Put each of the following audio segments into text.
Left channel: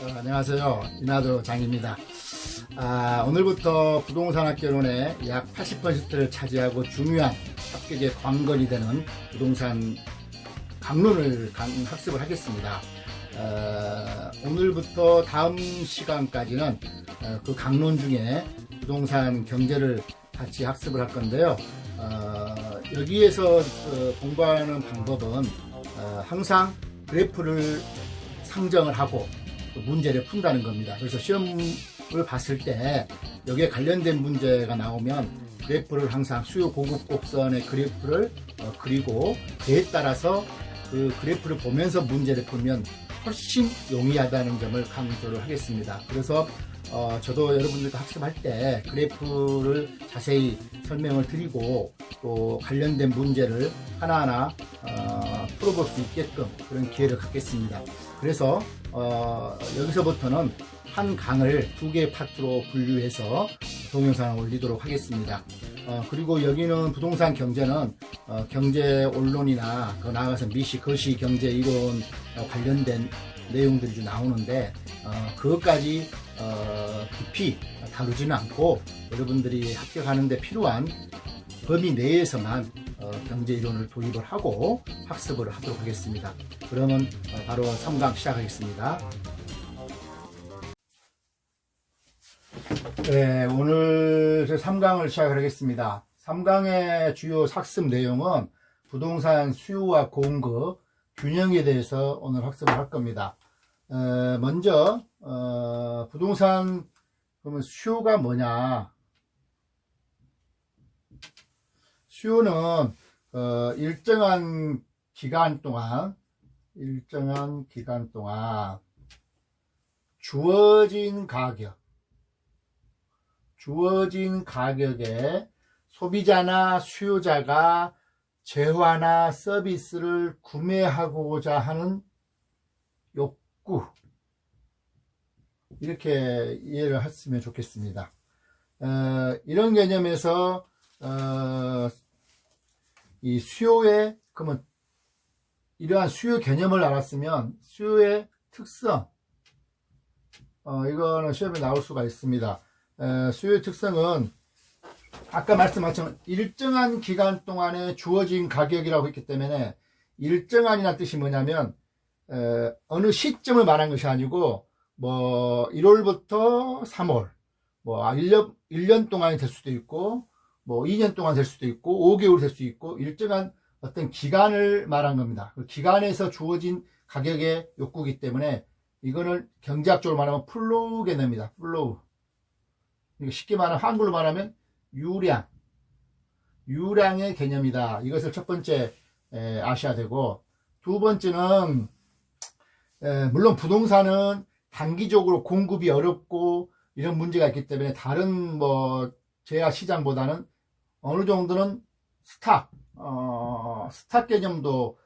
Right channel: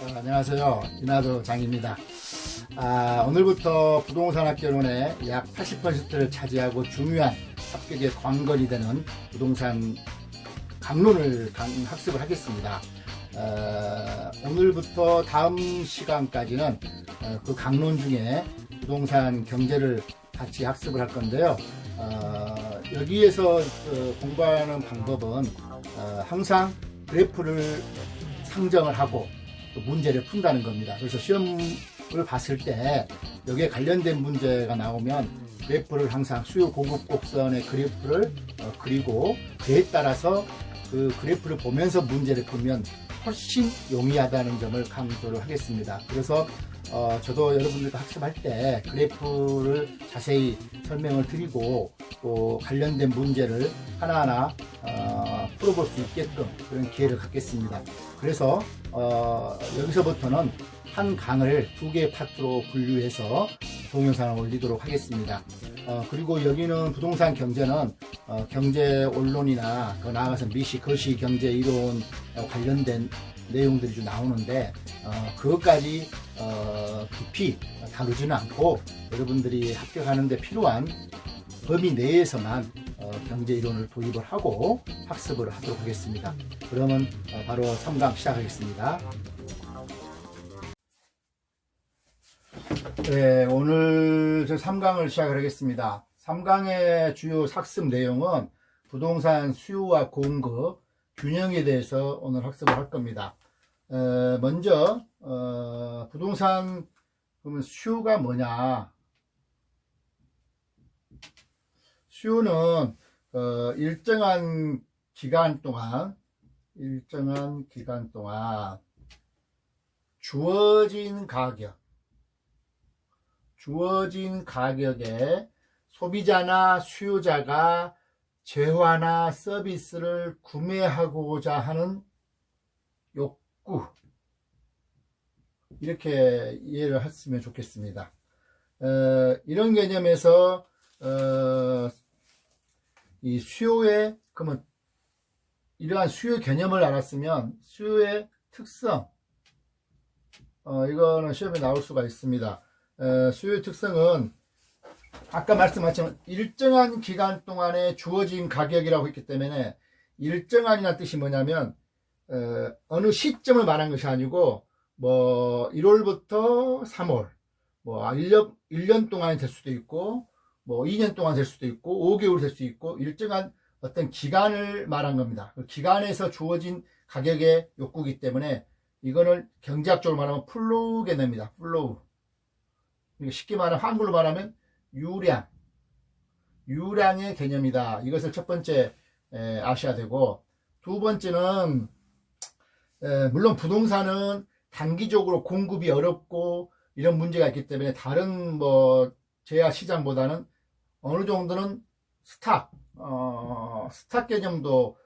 안녕하세요. 이나도 장입니다. 오늘부터 부동산학개론의 약 80%를 차지하고 중요한 합격의 관건이 되는 부동산 강론을 학습을 하겠습니다. 오늘부터 다음 시간까지는 그 강론 중에 부동산 경제를 같이 학습을 할 건데요. 여기에서 공부하는 방법은 항상 그래프를 상정을 하고 문제를 푼다는 겁니다. 그래서 시험을 봤을 때 여기에 관련된 문제가 나오면 그래프를 항상 수요 공급 곡선의 그래프를 그리고 그에 따라서 그 그래프를 보면서 문제를 풀면 훨씬 용이하다는 점을 강조를 하겠습니다. 그래서 저도 여러분들과 학습할 때 그래프를 자세히 설명을 드리고 또 관련된 문제를 하나하나 풀어볼 수 있게끔 그런 기회를 갖겠습니다. 그래서 여기서부터는 한 강을 두 개의 파트로 분류해서 동영상을 올리도록 하겠습니다. 그리고 여기는 부동산 경제는 경제 원론이나 더 나아가서 미시, 거시 경제 이론 관련된 내용들이 좀 나오는데 그것까지 깊이 다루지는 않고 여러분들이 합격하는 데 필요한 범위 내에서만 경제 이론을 도입을 하고 학습을 하도록 하겠습니다. 그러면 바로 3강 시작하겠습니다. 네, 오늘 3강을 시작을 하겠습니다. 3강의 주요 학습 내용은 부동산 수요와 공급 균형에 대해서 오늘 학습을 할 겁니다. 먼저 부동산 그러면 수요가 뭐냐? 수요는 일정한 기간 동안 주어진 가격에 소비자나 수요자가 재화나 서비스를 구매하고자 하는 욕구, 이렇게 이해를 했으면 좋겠습니다. 이런 개념에서 이 수요의, 그러면 이러한 수요 개념을 알았으면 수요의 특성, 이거는 시험에 나올 수가 있습니다. 수요의 특성은 아까 말씀하신 일정한 기간 동안에 주어진 가격이라고 했기 때문에 일정한이라는 뜻이 뭐냐면 어느 시점을 말한 것이 아니고 뭐 1월부터 3월 뭐 1년 동안이 될 수도 있고 뭐 2년 동안 될 수도 있고 5개월 될 수 있고 일정한 어떤 기간을 말한 겁니다. 그 기간에서 주어진 가격의 욕구이기 때문에 이거는 경제학적으로 말하면 플로우 개념입니다. 플로우. 쉽게 말하면 한글로 말하면 유량의 개념이다. 이것을 첫 번째 아셔야 되고, 두 번째는 물론 부동산은 단기적으로 공급이 어렵고 이런 문제가 있기 때문에 다른 뭐 제야 시장보다는 어느 정도는 스탁 개념도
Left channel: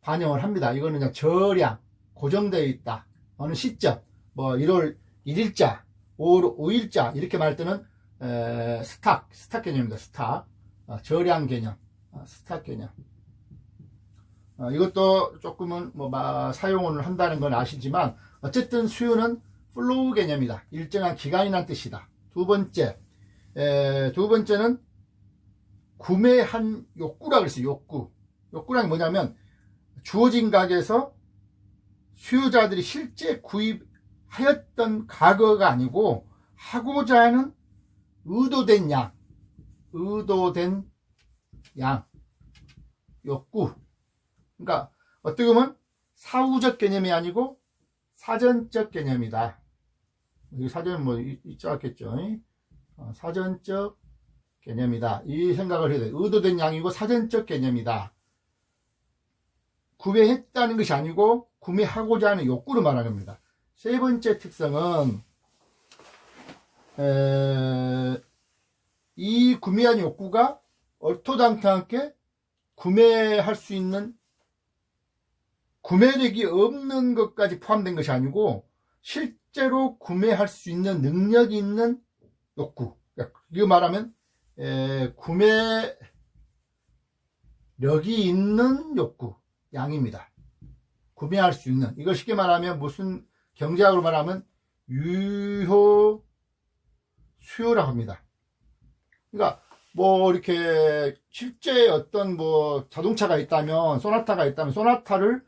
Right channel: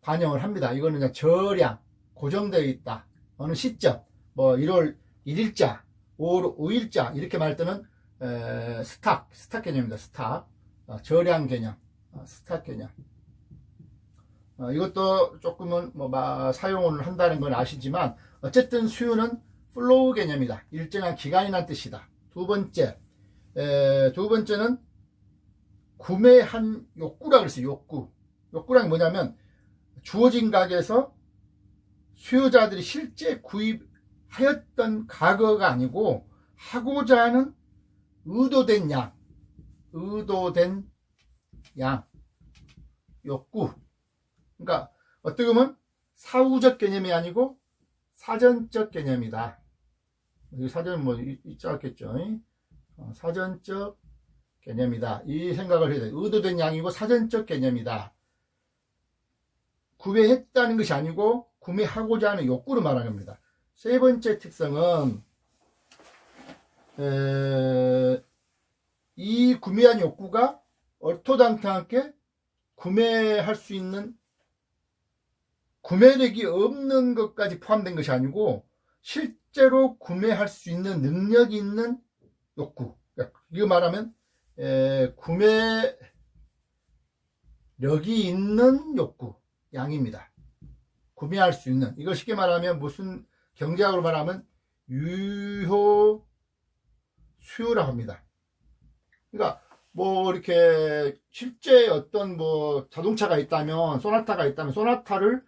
반영을 합니다. 이거는 그냥 저량 고정되어 있다. 어느 시점 뭐 1월 1일자 5일자 이렇게 말할 때는 스탁 개념입니다. 스탁 저량 개념, 스탁 개념. 이것도 조금은 뭐 사용을 한다는 건 아시지만 어쨌든 수요는 플로우 개념이다. 일정한 기간이란 뜻이다. 두 번째는 구매한 욕구라 그랬어요. 욕구란 뭐냐면 주어진 가격에서 수요자들이 실제 구입하였던 가격가 아니고 하고자 하는 의도된 양, 욕구. 그러니까 어떻게 보면 사후적 개념이 아니고 사전적 개념이다. 이 사전은 뭐 있지 않겠죠. 사전적 개념이다. 이 생각을 해야 돼요. 의도된 양이고 사전적 개념이다. 구매했다는 것이 아니고 구매하고자 하는 욕구를 말하는 겁니다. 세 번째 특성은 이 구매한 욕구가 얼토당토하게 구매할 수 있는 구매력이 없는 것까지 포함된 것이 아니고 실제로 구매할 수 있는 능력이 있는 욕구. 이거 말하면 구매력이 있는 욕구, 양입니다. 구매할 수 있는, 이걸 쉽게 말하면 무슨 경제학으로 말하면 유효 수요라고 합니다. 그러니까 뭐 이렇게 실제 어떤 뭐 자동차가 있다면, 소나타가 있다면 소나타를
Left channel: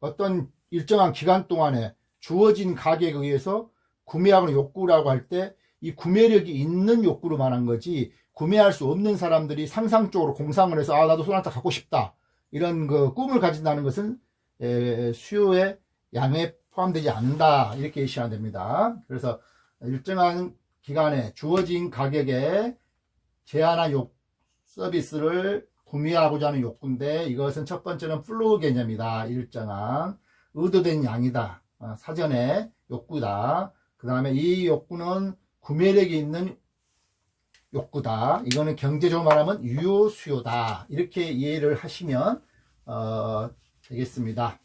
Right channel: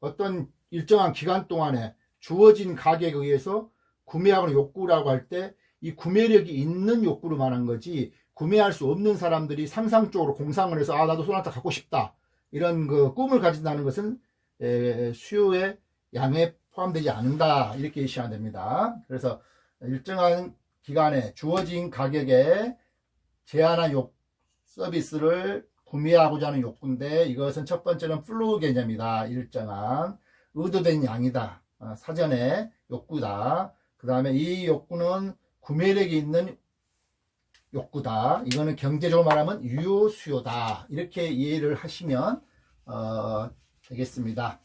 어떤 일정한 기간 동안에 주어진 가격에 의해서 구매하거나 욕구라고 할 때 이 구매력이 있는 욕구로 말한 거지, 구매할 수 없는 사람들이 상상적으로 공상을 해서 아 나도 소나타 갖고 싶다 이런 그 꿈을 가진다는 것은 수요의 양에 포함되지 않는다, 이렇게 이해하시면 됩니다. 그래서 일정한 기간에 주어진 가격에 제한한 서비스를 구매하고자 하는 욕구인데, 이것은 첫 번째는 플로우 개념이다. 일정한 의도된 양이다. 사전에 욕구다. 그 다음에 이 욕구는 구매력이 있는 욕구다. 이거는 경제적으로 말하면 유효 수요다. 이렇게 이해를 하시면 되겠습니다.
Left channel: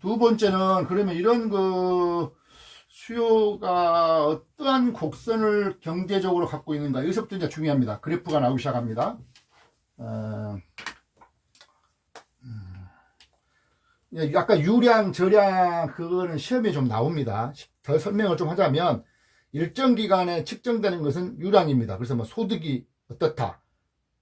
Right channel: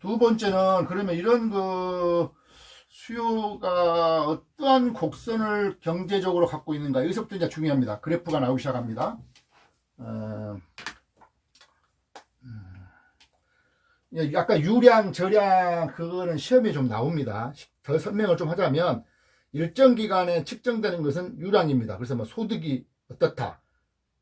두 번째는 그러면 이런 그 수요가 어떠한 곡선을 경제적으로 갖고 있는가, 여기서부터 이제 중요합니다. 그래프가 나오기 시작합니다. 아까 유량, 저량 그거는 시험에 좀 나옵니다. 더 설명을 좀 하자면 일정 기간에 측정되는 것은 유량입니다. 그래서 뭐 소득이 어떻다,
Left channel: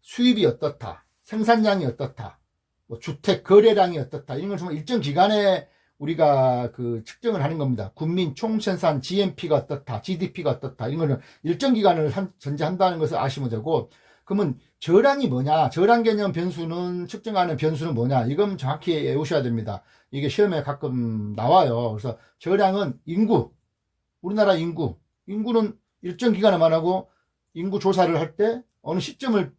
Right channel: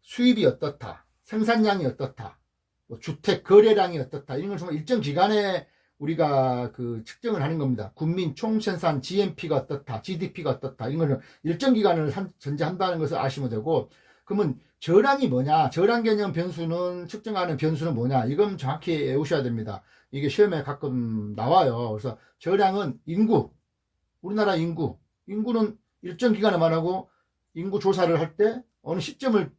수입이 어떻다, 생산량이 어떻다, 뭐 주택 거래량이 어떻다, 이런 걸 일정 기간에 우리가 그 측정을 하는 겁니다. 국민 총생산 GNP가 어떻다, GDP가 어떻다, 이런 거는 일정 기간을 전제한다는 것을 아시면 되고, 그러면 저량이 뭐냐, 저량 개념 변수는, 측정하는 변수는 뭐냐, 이건 정확히 외우셔야 됩니다. 이게 시험에 가끔 나와요. 그래서 저량은 인구, 우리나라 인구는 일정 기간에 말하고, 인구 조사를 할 때 어느 시점을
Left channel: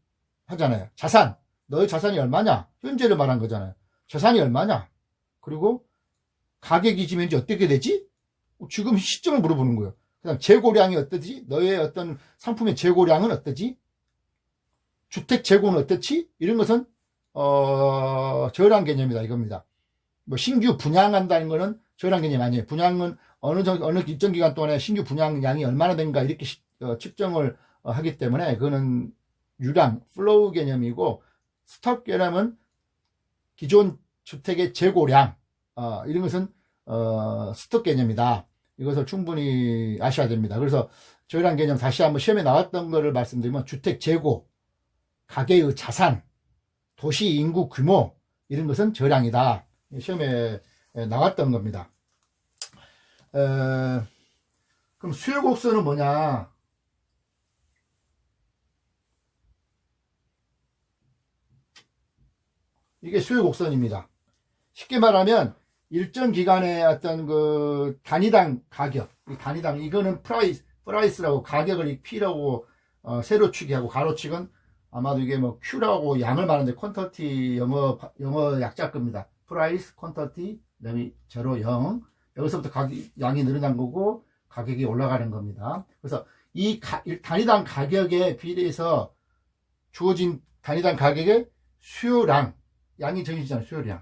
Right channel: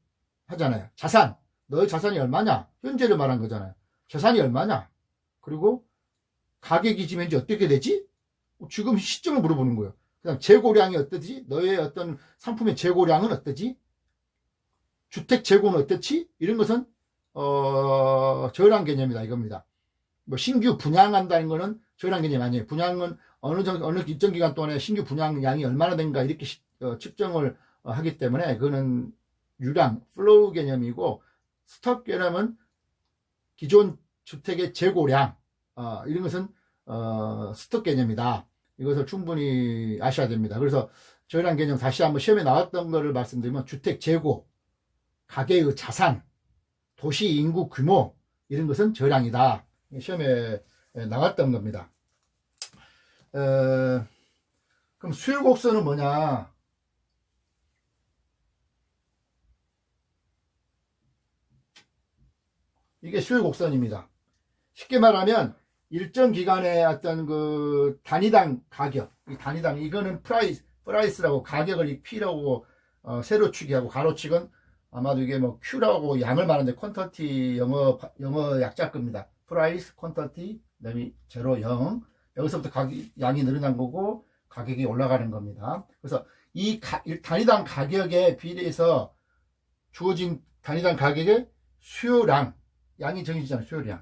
하잖아요. 자산, 너의 자산이 얼마냐, 현재를 말한 거잖아요. 자산이 얼마냐, 그리고 가격이 지금 현재 어떻게 되지? 지금 시점을 물어보는 거예요. 그다음 재고량이 어떠지? 너의 어떤 상품의 재고량은 어떠지? 주택 재고는 어떻지? 이런 것은 저량 개념이다, 이겁니다. 뭐 신규 분양한다는 거는 저량 개념이 아니에요. 분양은 어느 일정 기간 동안에 신규 분양량이 얼마나 된가 이렇게 측정을 하기 때문에 그거는 유량, 플로우 개념이고, 스톡 개념은 기존 주택의 재고량, 이런 것은 스톡 개념이다. 이것을 충분히 아셔야 됩니다. 그래서 저량 개념 다시 한번 시험에 나왔던 거를 말씀드리면, 주택 재고, 가계의 자산, 도시 인구 규모, 이런 것은 저량이다. 시험에 나왔던 겁니다. 그럼 수요 곡선은 뭐냐? 이게 수요 곡선입니다. 쉽게 말하면 일정 기간의 어떤 그 단위당 가격, 이 단위당, 이거는 프라이스라고, 가격을 P라고 세로축이하고, 가로축은 아마도 이게 뭐 Q라고 양을 말하는데, 퀀터티 영어 약자 겁니다. 프라이스, 퀀터티, 그다음에 0, 0. 여기서부터 양이 늘어난 거고 가격이 올라가는 겁니다. 그래서 이 단위당 가격에 비례해서 주어진 단위당 가격의 수요량, 양이 정해지잖아요. 수요량.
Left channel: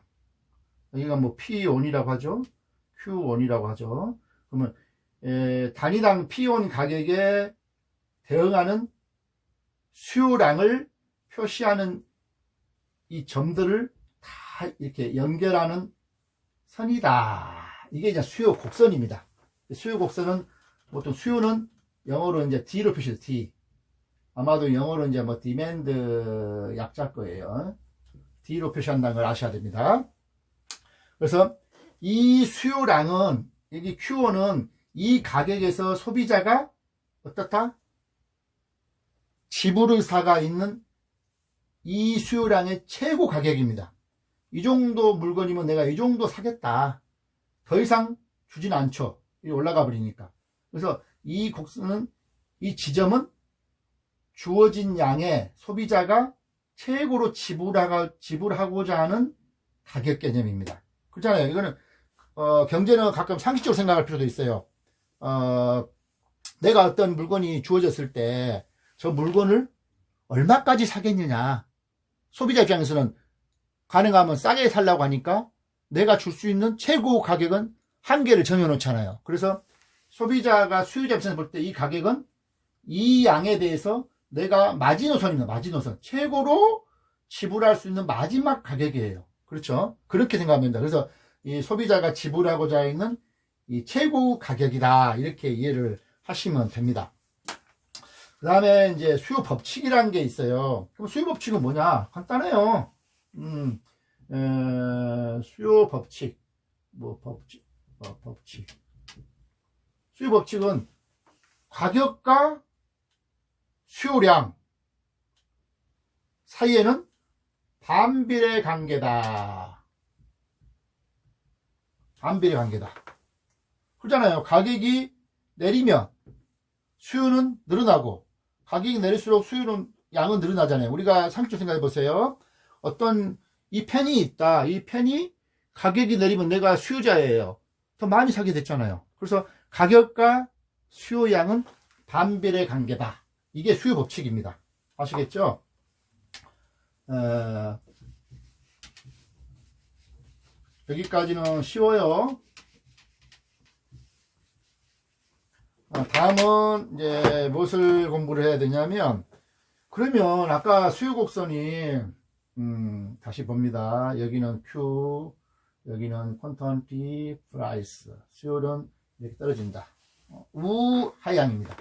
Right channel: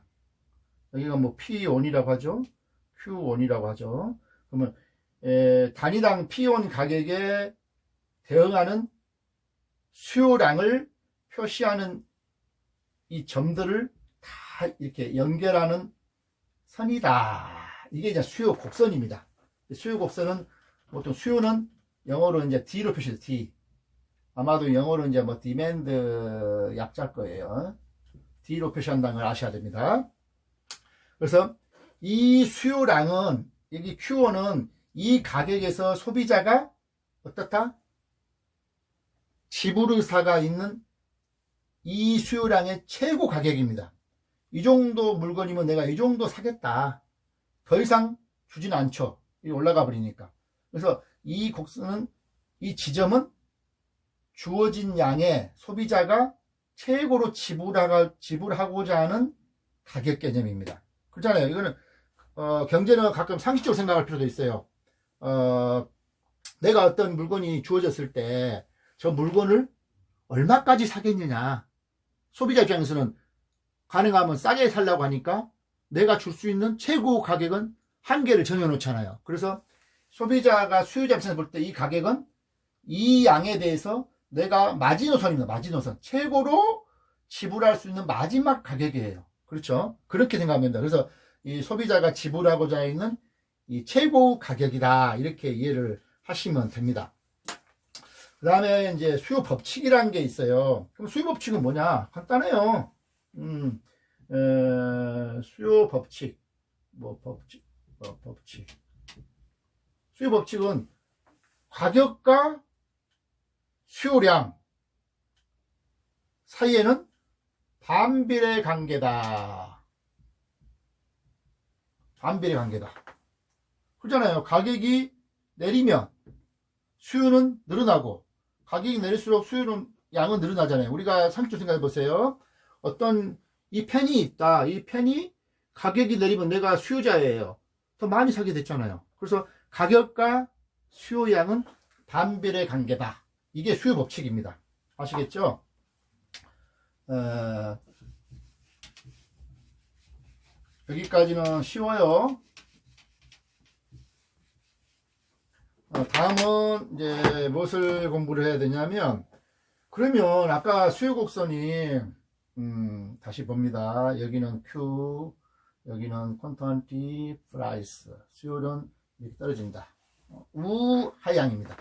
여기가 뭐 P1이라고 하죠. Q1이라고 하죠. 그러면 단위당 P1 가격에 대응하는 수요량을 표시하는 이 점들을 다 이렇게 연결하는 선이다. 이게 이제 수요 곡선입니다. 수요 곡선은 보통 수요는 영어로 이제 D로 표시해요. D. 아마도 영어로 이제 뭐 디맨드 약자 거예요. D로 표시한다는 걸 아셔야 됩니다. 그래서 이 수요량은, 여기 Q1은 이 가격에서 소비자가 어떻다? 지불의사가 있는 이 수요량의 최고 가격입니다. 이 정도 물건이면 내가 이 정도 사겠다. 더 이상 주진 않죠. 올라가 버리니까. 그래서 이 곡선은, 이 지점은 주어진 양의 소비자가 최고로 지불하고자 하는 가격 개념입니다. 그렇잖아요. 이거는 경제는 가끔 상식적으로 생각할 필요도 있어요. 내가 어떤 물건이 주어졌을 때 저 물건을 얼마까지 사겠느냐. 소비자 입장에서는 가능하면 싸게 살려고 하니까 내가 줄 수 있는 최고 가격은 한계를 정해놓잖아요. 그래서 소비자가, 수요자 입장에서 볼 때 이 가격은 이 양에 대해서 내가 마지노선입니다. 마지노선. 최고로 지불할 수 있는 마지막 가격이에요. 그렇죠? 그렇게 생각하면 됩니다. 그래서 이 소비자가 지불하고자 있는 이 최고 가격이다. 이렇게 이해를 하시면 됩니다. 그 다음에 이제 수요 법칙이라는 게 있어요. 그럼 수요 법칙은 뭐냐? 간단해요. 수요 법칙. 법칙. 수요 법칙은 가격과 수요량 사이에는 반비례 관계다. 반비례 관계다. 그렇잖아요. 가격이 내리면 수요는 늘어나고, 가격이 내릴수록 수요는, 양은 늘어나잖아요. 우리가 상식적으로 생각해 보세요. 어떤 이 펜이 있다. 이 펜이 가격이 내리면 내가 수요자예요. 더 많이 사게 됐잖아요. 그래서 가격과 수요량은 반비례 관계다. 이게 수요 법칙입니다. 아시겠죠? 여기까지는 쉬워요. 다음은 이제 무엇을 공부를 해야 되냐면, 그러면 아까 수요 곡선이 다시 봅니다. 여기는 Q, 여기는 퀀턴티 프라이스, 수요는 이렇게 떨어진다. 우하향입니다.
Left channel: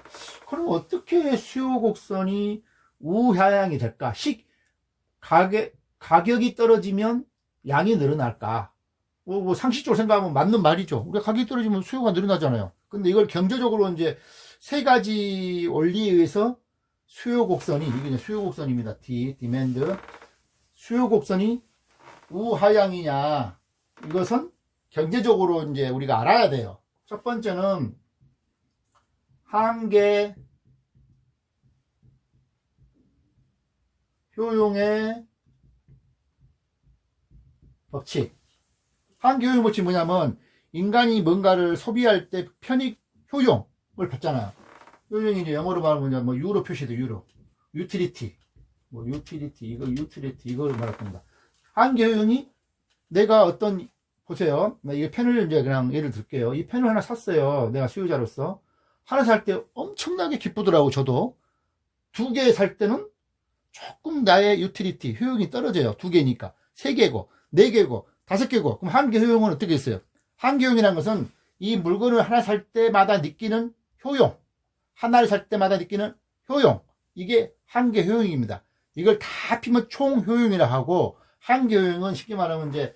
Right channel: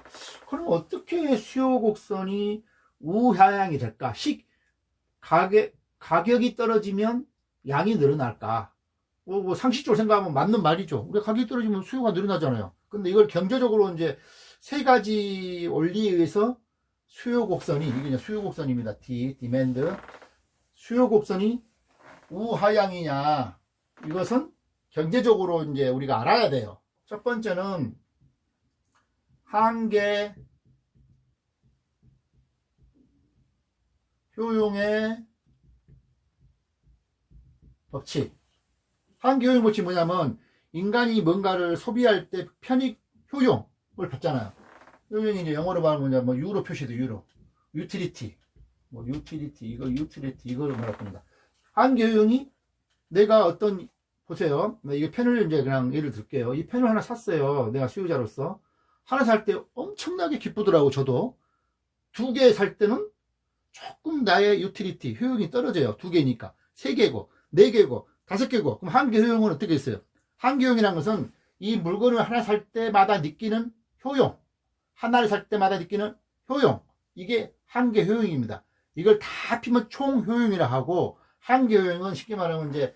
그럼 어떻게 수요 곡선이 우하향이 될까? 가격이 떨어지면 양이 늘어날까? 뭐 상식적으로 생각하면 맞는 말이죠. 우리가 가격이 떨어지면 수요가 늘어나잖아요. 근데 이걸 경제적으로 이제 세 가지 원리에 의해서 수요 곡선이, 이게 이제 수요 곡선입니다. 디맨드. 수요 곡선이 우하향이냐, 이것은 경제적으로 이제 우리가 알아야 돼요. 첫 번째는 한계 효용의 법칙. 한계 효용 법칙이 뭐냐면, 인간이 뭔가를 소비할 때 편익 효용을 받잖아요. 효용이 이제 영어로 말하면 뭐 유로 표시도 유로. 유틸리티. 이걸 말할 겁니다. 한계 효용이 내가 어떤, 보세요. 이게 펜을 이제 그냥 예를 들게요. 이 펜을 하나 샀어요. 내가 수요자로서. 하나 살 때 엄청나게 기쁘더라고, 저도. 2개 살 때는 조금 나의 유틸리티, 효용이 떨어져요. 2개니까. 3개고, 4개고, 5개고. 그럼 한계 효용은 어떻게 했어요? 한계 효용이라는 것은 이 물건을 하나 살 때마다 느끼는 효용. 하나를 살 때마다 느끼는 효용. 이게 한계 효용입니다. 이걸 다 합치면 총 효용이라 하고, 한계 효용은 쉽게 말하면 이제,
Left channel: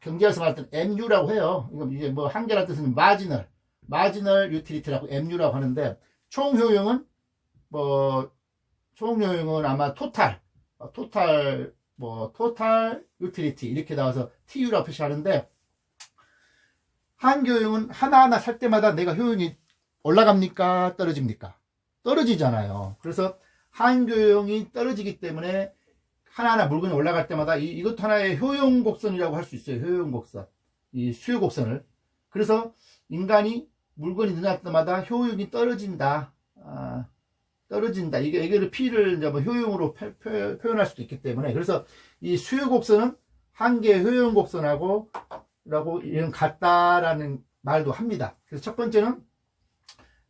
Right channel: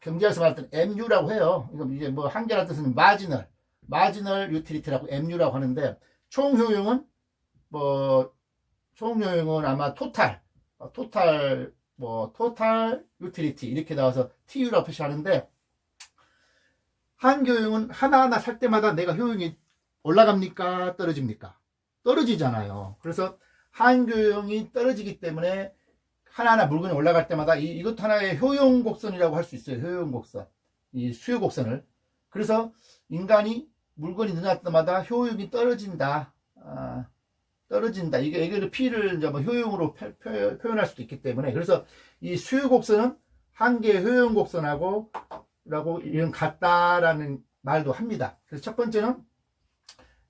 경제에서 말할 때는 MU라고 해요. 이거 이제 뭐 한계라는 뜻은 마지널 유틸리티라고 MU라고 하는데, 총 효용은 아마 토탈 유틸리티 이렇게 나와서 TU라고 표시하는데, 한계 효용은 하나하나 살 때마다 내가 효용이 올라갑니까? 떨어집니까? 떨어지잖아요. 그래서 한계 효용이 떨어지기 때문에 하나하나 물건이 올라갈 때마다 이것도 하나의 효용 곡선이라고 할 수 있어요. 효용 곡선. 이 수요 곡선을. 그래서 인간이 물건이 늘어날 때마다 효용이 떨어진다. 떨어진다. 이게 P를 이제 뭐 효용으로 표현할 수도 있기 때문에. 그래서 이 수요 곡선은 한계 효용 곡선하고 이런 같다라는 말도 합니다. 그래서 첫 번째는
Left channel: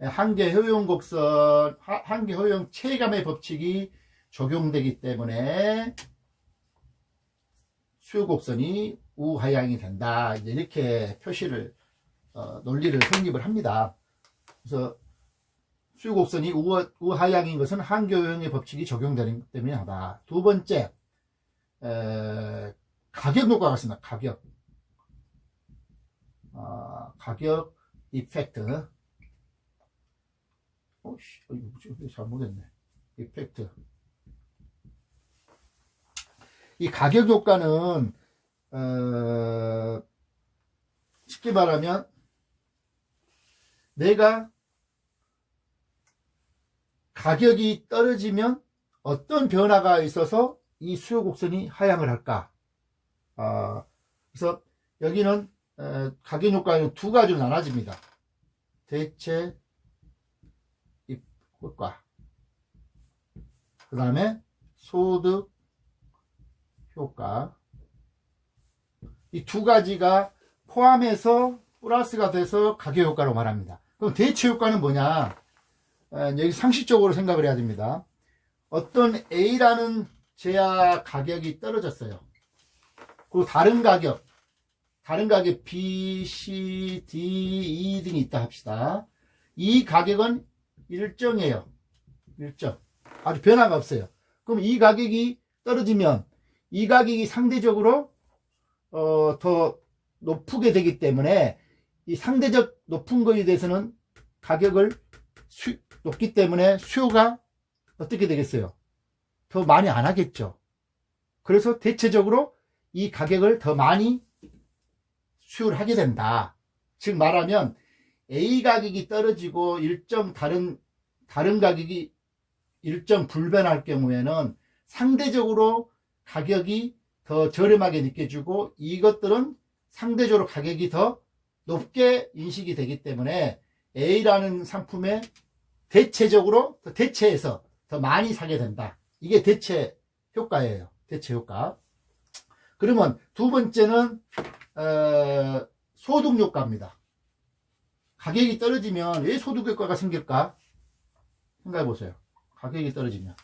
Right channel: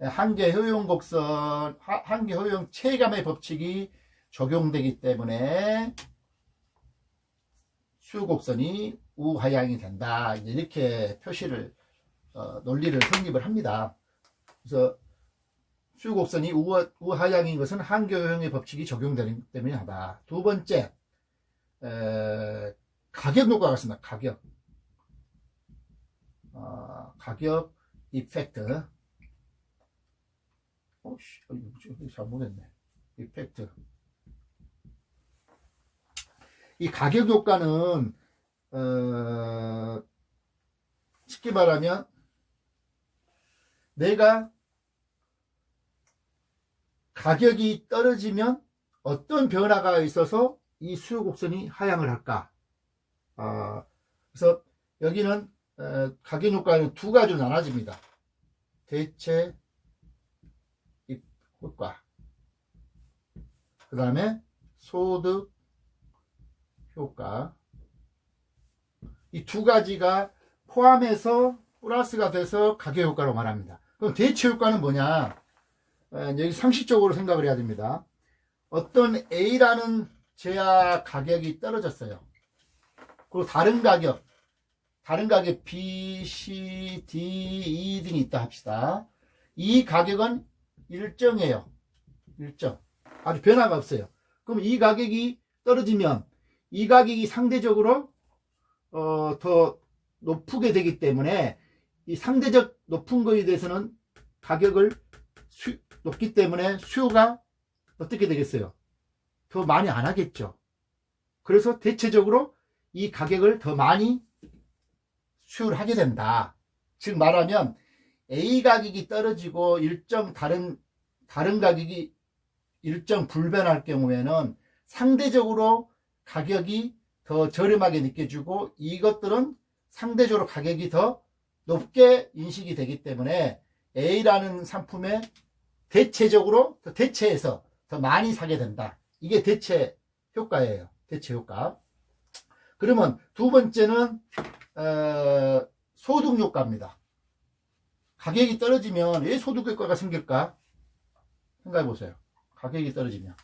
한계 효용 곡선, 한계 효용 체감의 법칙이 적용되기 때문에 수요 곡선이 우하향이 된다. 이렇게 표시를, 논리를 성립을 합니다. 그래서 수요 곡선이 우하향인 것은 한계 효용의 법칙이 적용되기 때문에 하다. 두 번째, 가격 효과가 있습니다. 가격 이펙트. 잘못했네. 이펙트. 이 가격 효과는 쉽게 말하면 내가 가격이 떨어지면 어떤 변화가 있어서 이 수요 곡선이 하향을 할까. 그래서 여기는 가격 효과는 두 가지로 나눠집니다. 대체 효과, 그 다음에 소득 효과. 이 두 가지가 포함해서 플러스가 돼서 가격 효과로 말합니다. 그럼 대체 효과는 뭐냐? 여기 상식적으로 생각을 해야 됩니다. 어떤 A라는 제약 가격이 떨어졌어요. 그리고 다른 가격 B, C, D, E 등이 있다 합시다. 이 가격은 일정해요. 일정. 아주 변화가 없어요. 그럼 이 가격이 떨어지면 이 가격이 상대적으로 더 높게 되기 때문에 이 상대적 높은 거에 대해서는 가격을 높기 때문에 수요가 어떻게 되겠어요? 더 많이 안 하겠죠. 그래서 대체적으로 이 가격을 더 많이 수요를 하게 된다. 즉 말하면 A 가격이 떨어지고 일정 다른 가격이 일정 불변할 경우에는 상대적으로 가격이 더 저렴하게 느껴지고 이것들은 상대적으로 가격이 더 높게 인식이 되기 때문에 A라는 상품에 대체적으로 대체해서 더 많이 사게 된다. 이게 대체 효과예요. 대체 효과. 그러면 두 번째는 소득 효과입니다. 가격이 떨어지면 왜 소득 효과가 생길까? 생각해 보세요. 가격이 떨어지면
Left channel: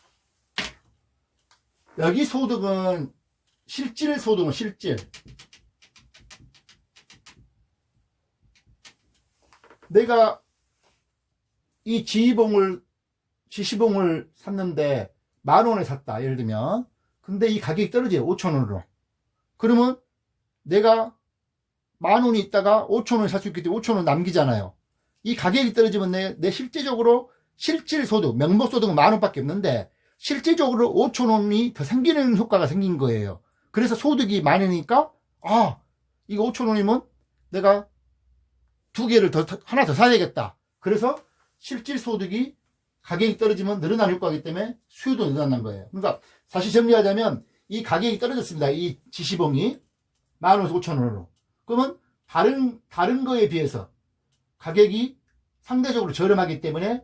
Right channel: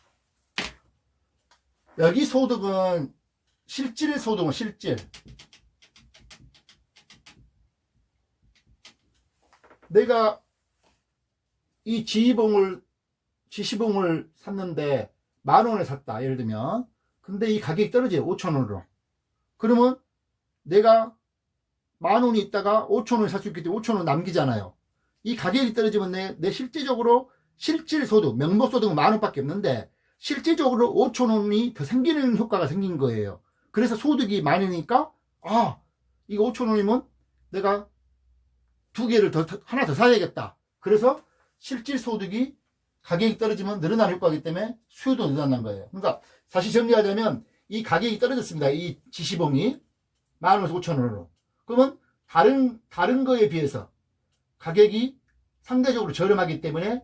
여기 소득은 실질 소득은 실질. 내가 이 지시봉을 샀는데 10,000원에 샀다. 예를 들면. 근데 이 가격이 떨어져요. 5,000원으로. 그러면 내가 10,000원이 있다가 5,000원에 살 수 있기 때문에 5,000원 남기잖아요. 이 가격이 떨어지면 내 실제적으로 실질 소득, 명목 소득은 10,000원밖에 없는데 실질적으로 5,000원이 더 생기는 효과가 생긴 거예요. 그래서 소득이 많으니까 이거 5,000원이면 내가 하나 더 사야겠다. 그래서 실질 소득이 가격이 떨어지면 늘어나는 효과이기 때문에 수요도 늘어난다는 거예요. 그러니까 다시 정리하자면 이 가격이 떨어졌습니다. 이 지시봉이 10,000원에서 5,000원으로. 그러면 다른 거에 비해서 가격이 상대적으로 저렴하기 때문에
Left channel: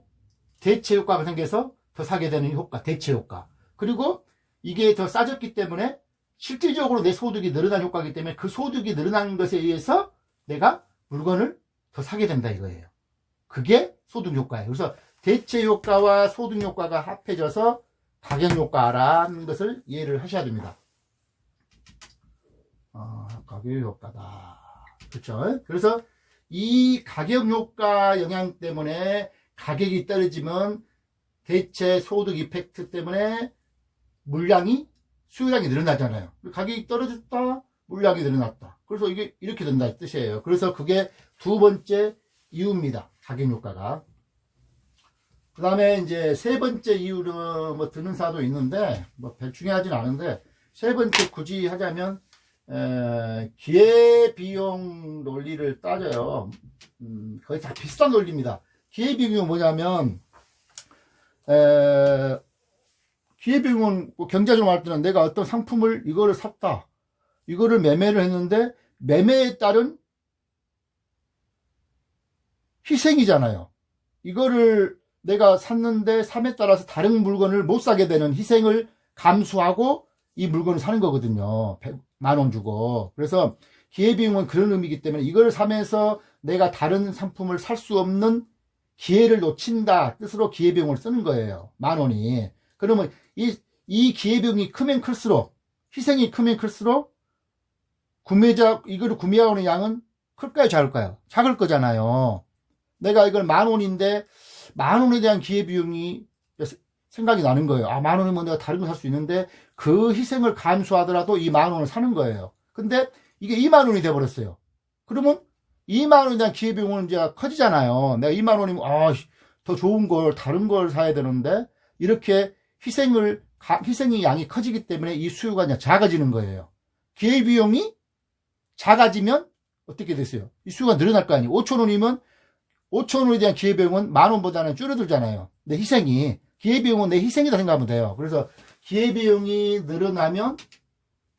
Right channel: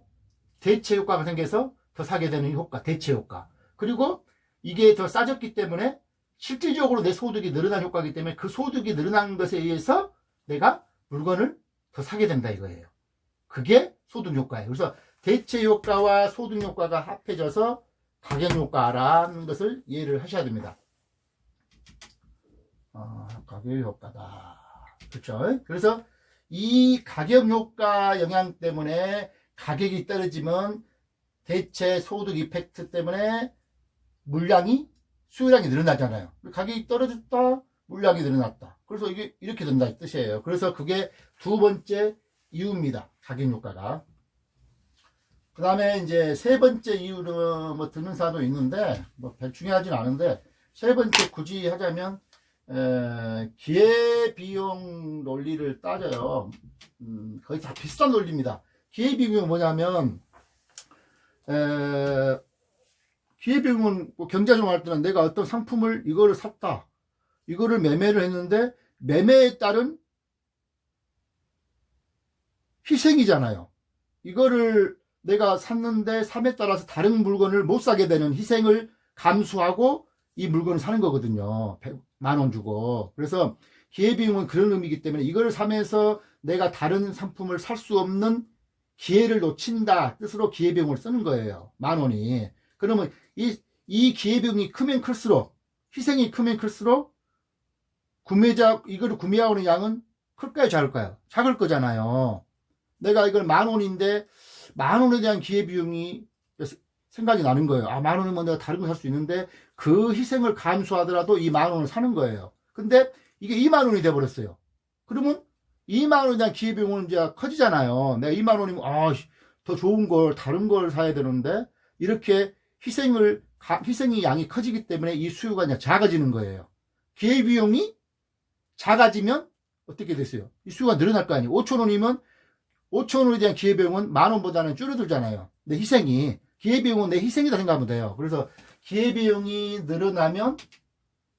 대체 효과가 생겨서 더 사게 되는 효과, 대체 효과. 그리고 이게 더 싸졌기 때문에 실질적으로 내 소득이 늘어난 효과이기 때문에 그 소득이 늘어나는 것에 의해서 내가 물건을 더 사게 된다 이거예요. 그게 소득 효과예요. 그래서 대체 효과와 소득 효과가 합해져서 가격 효과라는 것을 이해를 하셔야 됩니다. 가격 효과다. 그렇죠? 그래서 이 가격 효과 영향 때문에 가격이 떨어지면 대체 소득 이펙트 때문에 수요량이 늘어나잖아요. 가격이 떨어졌다, 물량이 늘어났다. 그래서 이게 이렇게 된다 이 뜻이에요. 그래서 그게 두 번째 이유입니다. 가격 효과가. 그 다음에 이제 세 번째 이유는 뭐 듣는 사람도 있는데 뭐 별 중요하진 않은데 세 번째 굳이 하자면 기회비용 논리를 따져요. 거의 다 비슷한 논리입니다. 기회비용은 뭐냐면 기회비용은 경제적으로 할 때는 내가 어떤 상품을 이거를 샀다. 이거를 매매를 했는데 매매에 따른 희생이잖아요. 이거를 내가 샀는데 삶에 따라서 다른 물건을 못 사게 되는 희생을 감수하고 이 물건을 사는 거거든요. 10,000원 주고. 그래서 기회비용은 그런 의미이기 때문에 이걸 사면서 내가 다른 상품을 살 수 없는 기회를 놓친다 뜻으로 기회비용을 쓰는 거예요. 10,000원이. 그러면 이 기회비용이 크면 클수록, 희생이 크면 클수록 이거를 구매하는 양은 클까요, 작을까요? 작을 거잖아요. 내가 이걸 10,000원인데 10,000원에 대한 기회비용이 생각이 나는 거예요. 10,000원이면 내가 다른 거 살 수 있는데 그 희생을 감수하더라도 이 10,000원을 사는 거예요. 근데 이게 20,000원이 돼버렸어요. 그러면 20,000원에 대한 기회비용은 이제 커지잖아요. 내가 20,000원이면 더 좋은 걸 다른 걸 사야 되는데 이렇게 희생이 양이 커지기 때문에 이 수요가 이제 작아지는 거예요. 기회비용이 작아지면 어떻게 됐어요? 이 수요가 늘어날 거 아니에요. 5,000원이면 5,000원에 대한 기회비용은 10,000원보다는 줄어들잖아요. 내 기회비용은 내 희생이다 생각하면 돼요. 그래서 기회비용이 늘어나면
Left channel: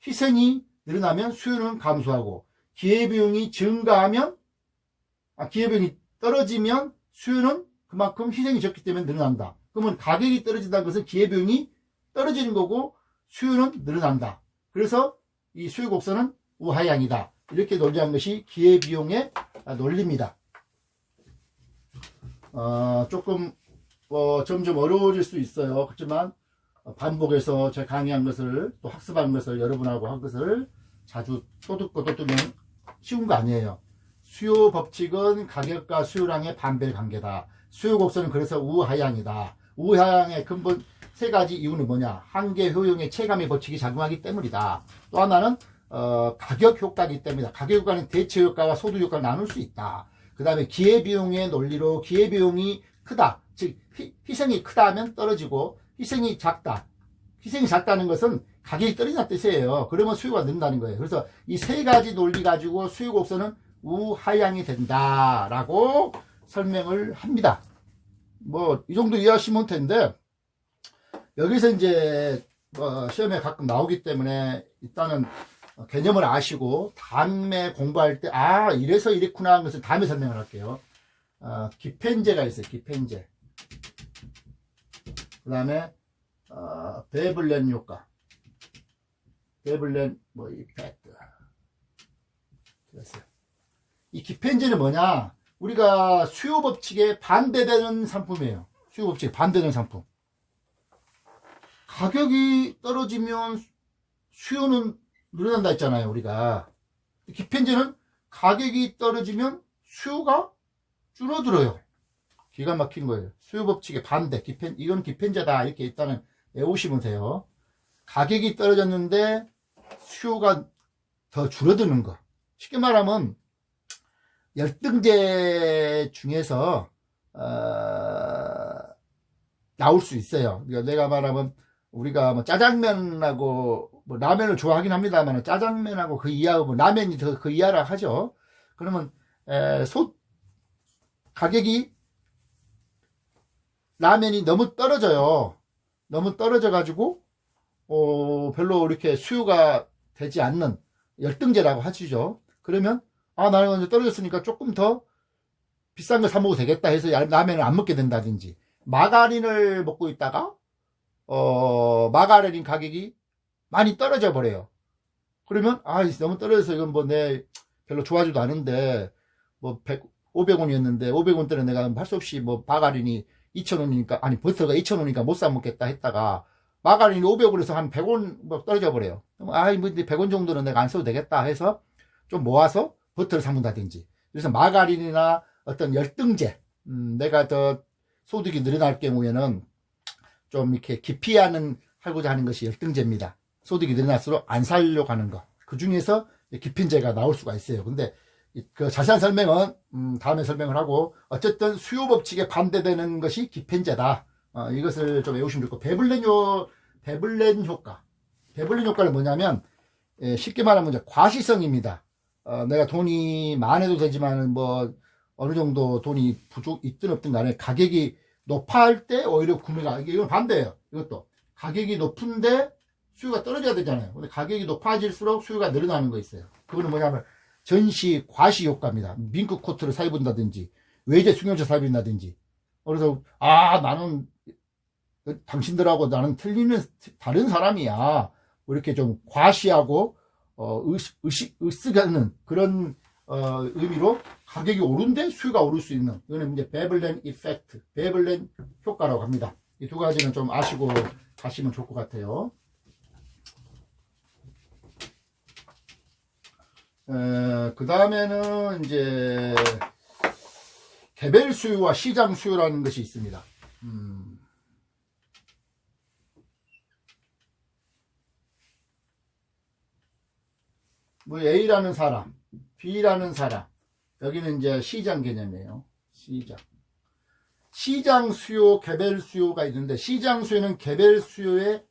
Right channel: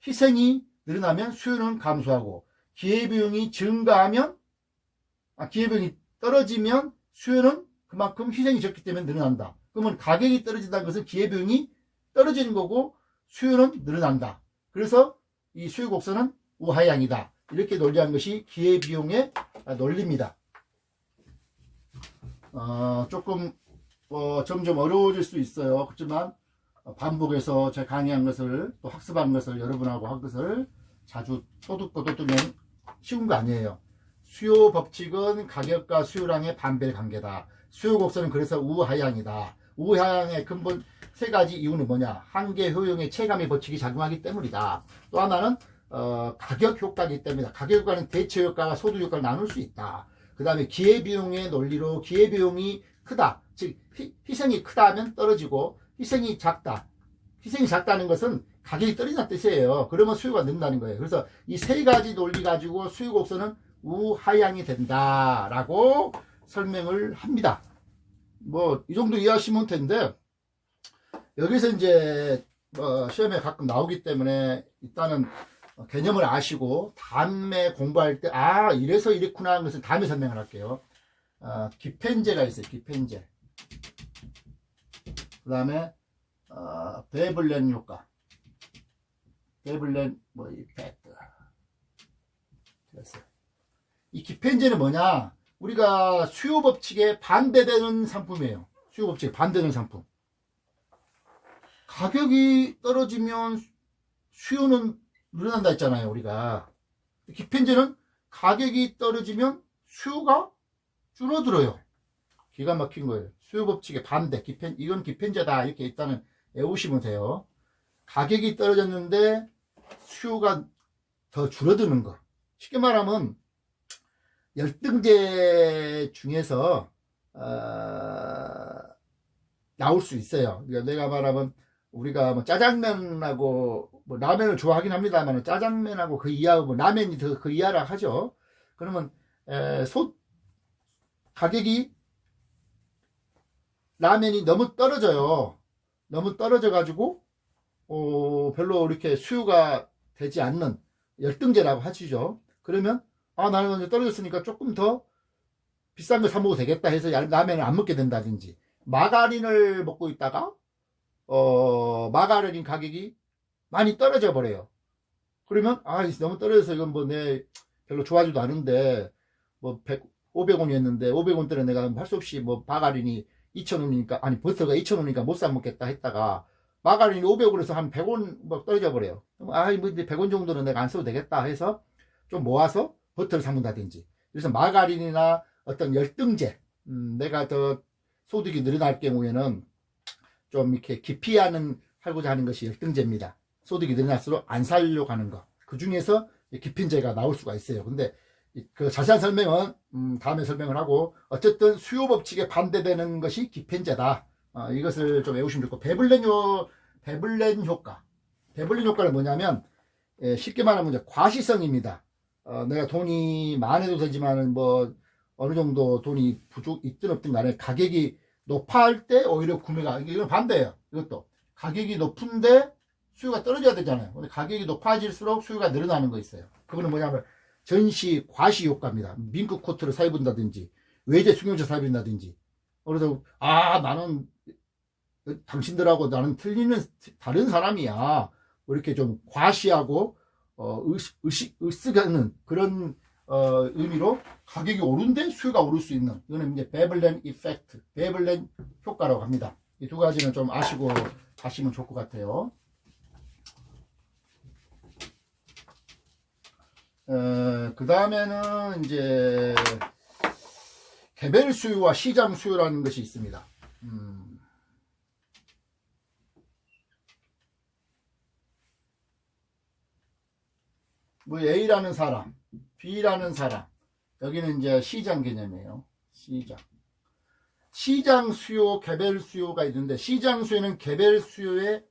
희생이 늘어나면 수요는 감소하고 기회비용이 떨어지면 수요는 그만큼 희생이 적기 때문에 늘어난다. 그러면 가격이 떨어진다는 것은 기회비용이 떨어지는 거고 수요는 늘어난다. 그래서 이 수요 곡선은 우하향이다. 이렇게 논리한 것이 기회비용의 논리입니다. 조금 점점 어려워질 수 있어요. 그렇지만 반복해서 제가 강의한 것을 또 학습한 것을 여러분하고 한 것을 자주 또 듣고 또 들으면 쉬운 거 아니에요. 수요 법칙은 가격과 수요량의 반배 관계다. 수요 곡선은 그래서 우하향이다. 우하향의 근본 세 가지 이유는 뭐냐? 한계 효용의 체감의 법칙이 작용하기 때문이다. 또 하나는 가격 효과이기 때문이다. 가격 효과는 대체 효과와 소득 효과를 나눌 수 있다. 그 다음에 기회비용의 논리로 기회비용이 크다. 즉 희생이 크다 하면 떨어지고 희생이 작다. 희생이 작다는 것은 가격이 떨어진다는 뜻이에요. 그러면 수요가 는다는 거예요. 그래서 이 세 가지 논리 가지고 수요 곡선은 우하향이 된다라고 설명을 합니다. 뭐 이 정도 이해하시면 텐데 여기서 이제 시험에 가끔 나오기 때문에 일단은 개념을 아시고 다음에 공부할 때 이래서 이랬구나 하는 것을 다음에 설명을 할게요. 기펜제가 있어요. 기펜제. 그 다음에 베블렌 효과. 베블렌 이펙트. 됐어요. 이 기펜제는 뭐냐? 우리가 수요 법칙에 반대되는 상품이에요. 수요 법칙에 반대되는 상품. 가격이 떨어지면 수요는 늘어난다 했잖아요, 우리가. 기펜제는 가격이 떨어지면 수요가 줄어들어요. 기가 막힌 거예요. 수요 법칙의 반대, 이건 기펜제다. 이렇게 일단은 외우시면 돼요. 가격이 떨어졌는데 수요가 더 줄어드는 거. 쉽게 말하면 열등제 중에서 나올 수 있어요. 그러니까 내가 말하면 우리가 뭐 짜장면하고 뭐 라면을 좋아하긴 합니다만 짜장면하고 그 이하고 라면이 더 그 이하라 하죠. 그러면 가격이 라면이 너무 떨어져요. 너무 떨어져 가지고 별로 이렇게 수요가 되지 않는 열등제라고 하시죠. 그러면 나는 이제 떨어졌으니까 조금 더 비싼 거 사 먹어도 되겠다 해서 라면을 안 먹게 된다든지, 마가린을 먹고 있다가 마가린 가격이 많이 떨어져 버려요. 그러면 너무 떨어져서 이건 뭐 내 별로 좋아하지도 않은데 뭐 500원이었는데 500원대는 내가 할 수 없이 뭐 마가린이 2,000원이니까 버터가 2,000원이니까 못 사 먹겠다 했다가 마가린이 500원에서 한 100원 뭐 떨어져 버려요. 뭐 이제 100원 정도는 내가 안 써도 되겠다 해서 좀 모아서 버터를 사 먹는다든지. 그래서 마가린이나 어떤 열등제, 내가 더 소득이 늘어날 경우에는 좀 이렇게 하고자 하는 것이 열등제입니다. 소득이 늘어날수록 안 살려고 하는 거. 그 중에서 기핀제가 나올 수가 있어요. 근데 그 자세한 설명은 다음에 설명을 하고, 어쨌든 수요 법칙에 반대되는 것이 기펜제다. 이것을 좀 외우시면 좋고, 베블렌 효과. 베블렌 효과는 뭐냐면 쉽게 말하면 이제 과시성입니다. 내가 돈이 많아도 되지만 뭐 어느 정도 돈이 있든 없든 간에 가격이 높아할 때 오히려 구매가, 이건 반대예요. 이것도 가격이 높은데 수요가 떨어져야 되잖아요. 근데 가격이 높아질수록 수요가 늘어나는 거 있어요. 그거는 뭐냐면 전시 과시 효과입니다. 밍크 코트를 사입은다든지 외제 수경차 사입는다든지. 그래서 나는 당신들하고 나는 다른 사람이야. 이렇게 좀 과시하고 으쓱하는 그런 의미로 가격이 오른데 수요가 오를 수 있는, 이거는 이제 베블렌 이펙트, 베블렌 효과라고 합니다. 이 두 가지는 좀 아시고 가시면 좋을 것 같아요. 그 다음에는 이제 개별 수요와 시장 수요라는 것이 있습니다. 뭐 A라는 사람, B라는 사람, 여기는 이제 시장 개념이에요. 시장 수요, 개별 수요가 있는데, 시장 수요는 개별 수요의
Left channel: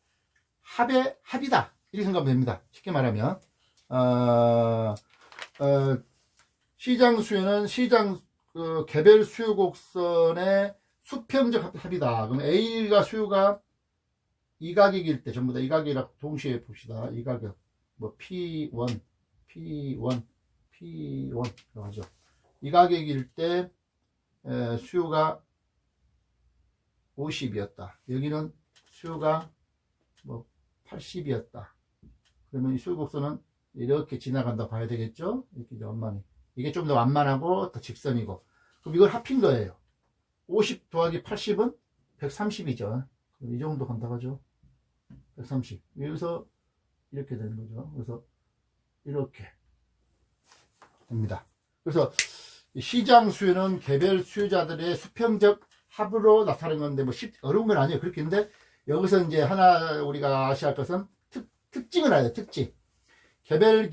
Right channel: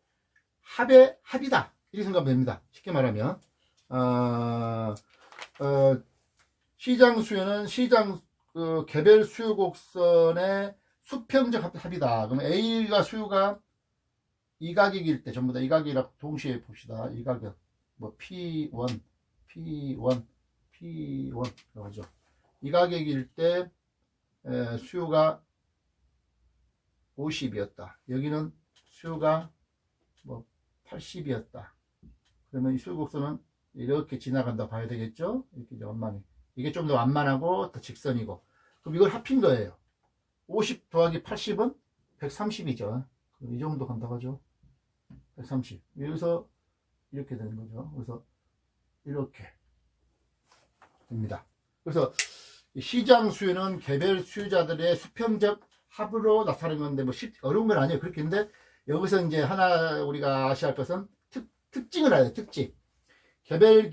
합이다. 이렇게 생각하면 됩니다. 쉽게 말하면 시장 수요는 개별 수요 곡선의 수평적 합이다. 그럼 A가 수요가 이 가격일 때, 전부 다 이 가격이라고 동시에 봅시다. 이 가격, 뭐 P1 하죠. 이 가격일 때 수요가 50이었다. 여기는 수요가 뭐 80이었다. 그러면 이 수요 곡선은 이렇게 지나간다 봐야 되겠죠? 이렇게 완만히. 이게 좀 더 완만하고 더 직선이고. 그럼 이걸 합힌 거예요. 50 더하기 80은 130이죠. 이 정도 간다고 하죠. 130. 여기서 이렇게 되는 거죠. 그래서 이렇게 됩니다. 그래서 시장 수요는 개별 수요자들의 수평적 합으로 나타나는 건데 뭐 어려운 건 아니에요. 그렇게 했는데 여기서 이제 하나 우리가 아셔야 할 것은 특징을 알아야 돼요. 특징. 개별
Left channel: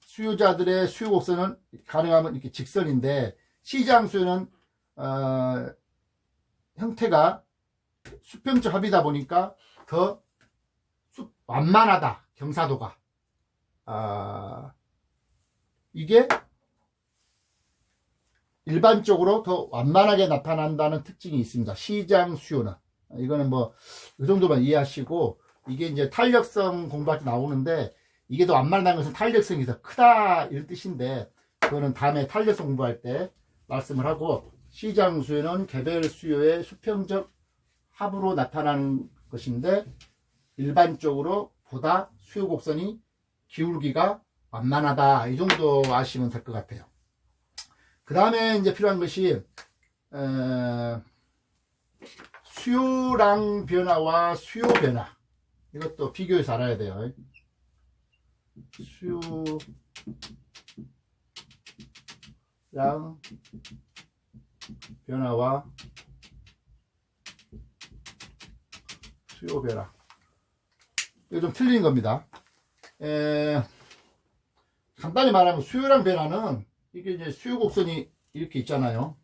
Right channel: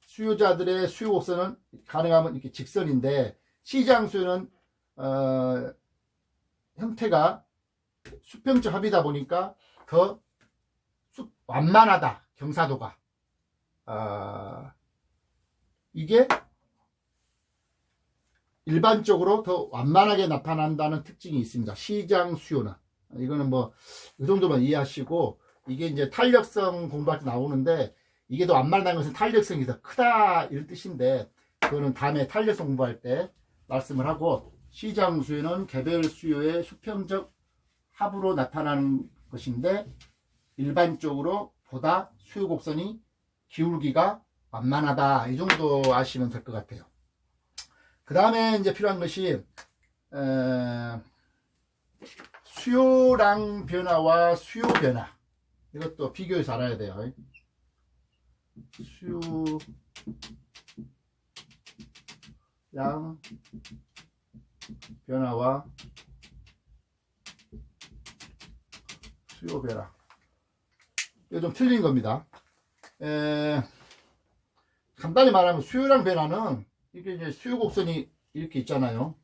수요자들의 수요 곡선은 가능하면 이렇게 직선인데 시장 수요는 형태가 수평적 합이다 보니까 더 완만하다. 경사도가 이게 일반적으로 더 완만하게 나타난다는 특징이 있습니다. 시장 수요는. 이거는 뭐 이 정도만 이해하시고, 이게 이제 탄력성 공부할 때 나오는데 이게 더 완만한 것은 탄력성이 더 크다 이런 뜻인데, 그거는 다음에 탄력성 공부할 때 말씀을 하고, 시장 수요는 개별 수요의 수평적 합으로 나타나는 것인데 일반적으로 보다 수요 곡선이 기울기가 완만하다. 이 정도 아시면 될 것 같아요. 그 다음에 이제 필요한 것이 수요량 변화와 수요 변화. 이것도 비교해서 알아야 돼요. 수요량 변화와 수요 변화. 이거 좀 틀린 겁니다. 간단히 말하면 수요량 변화는 이게 이제 수요 곡선이 이렇게 있잖아요.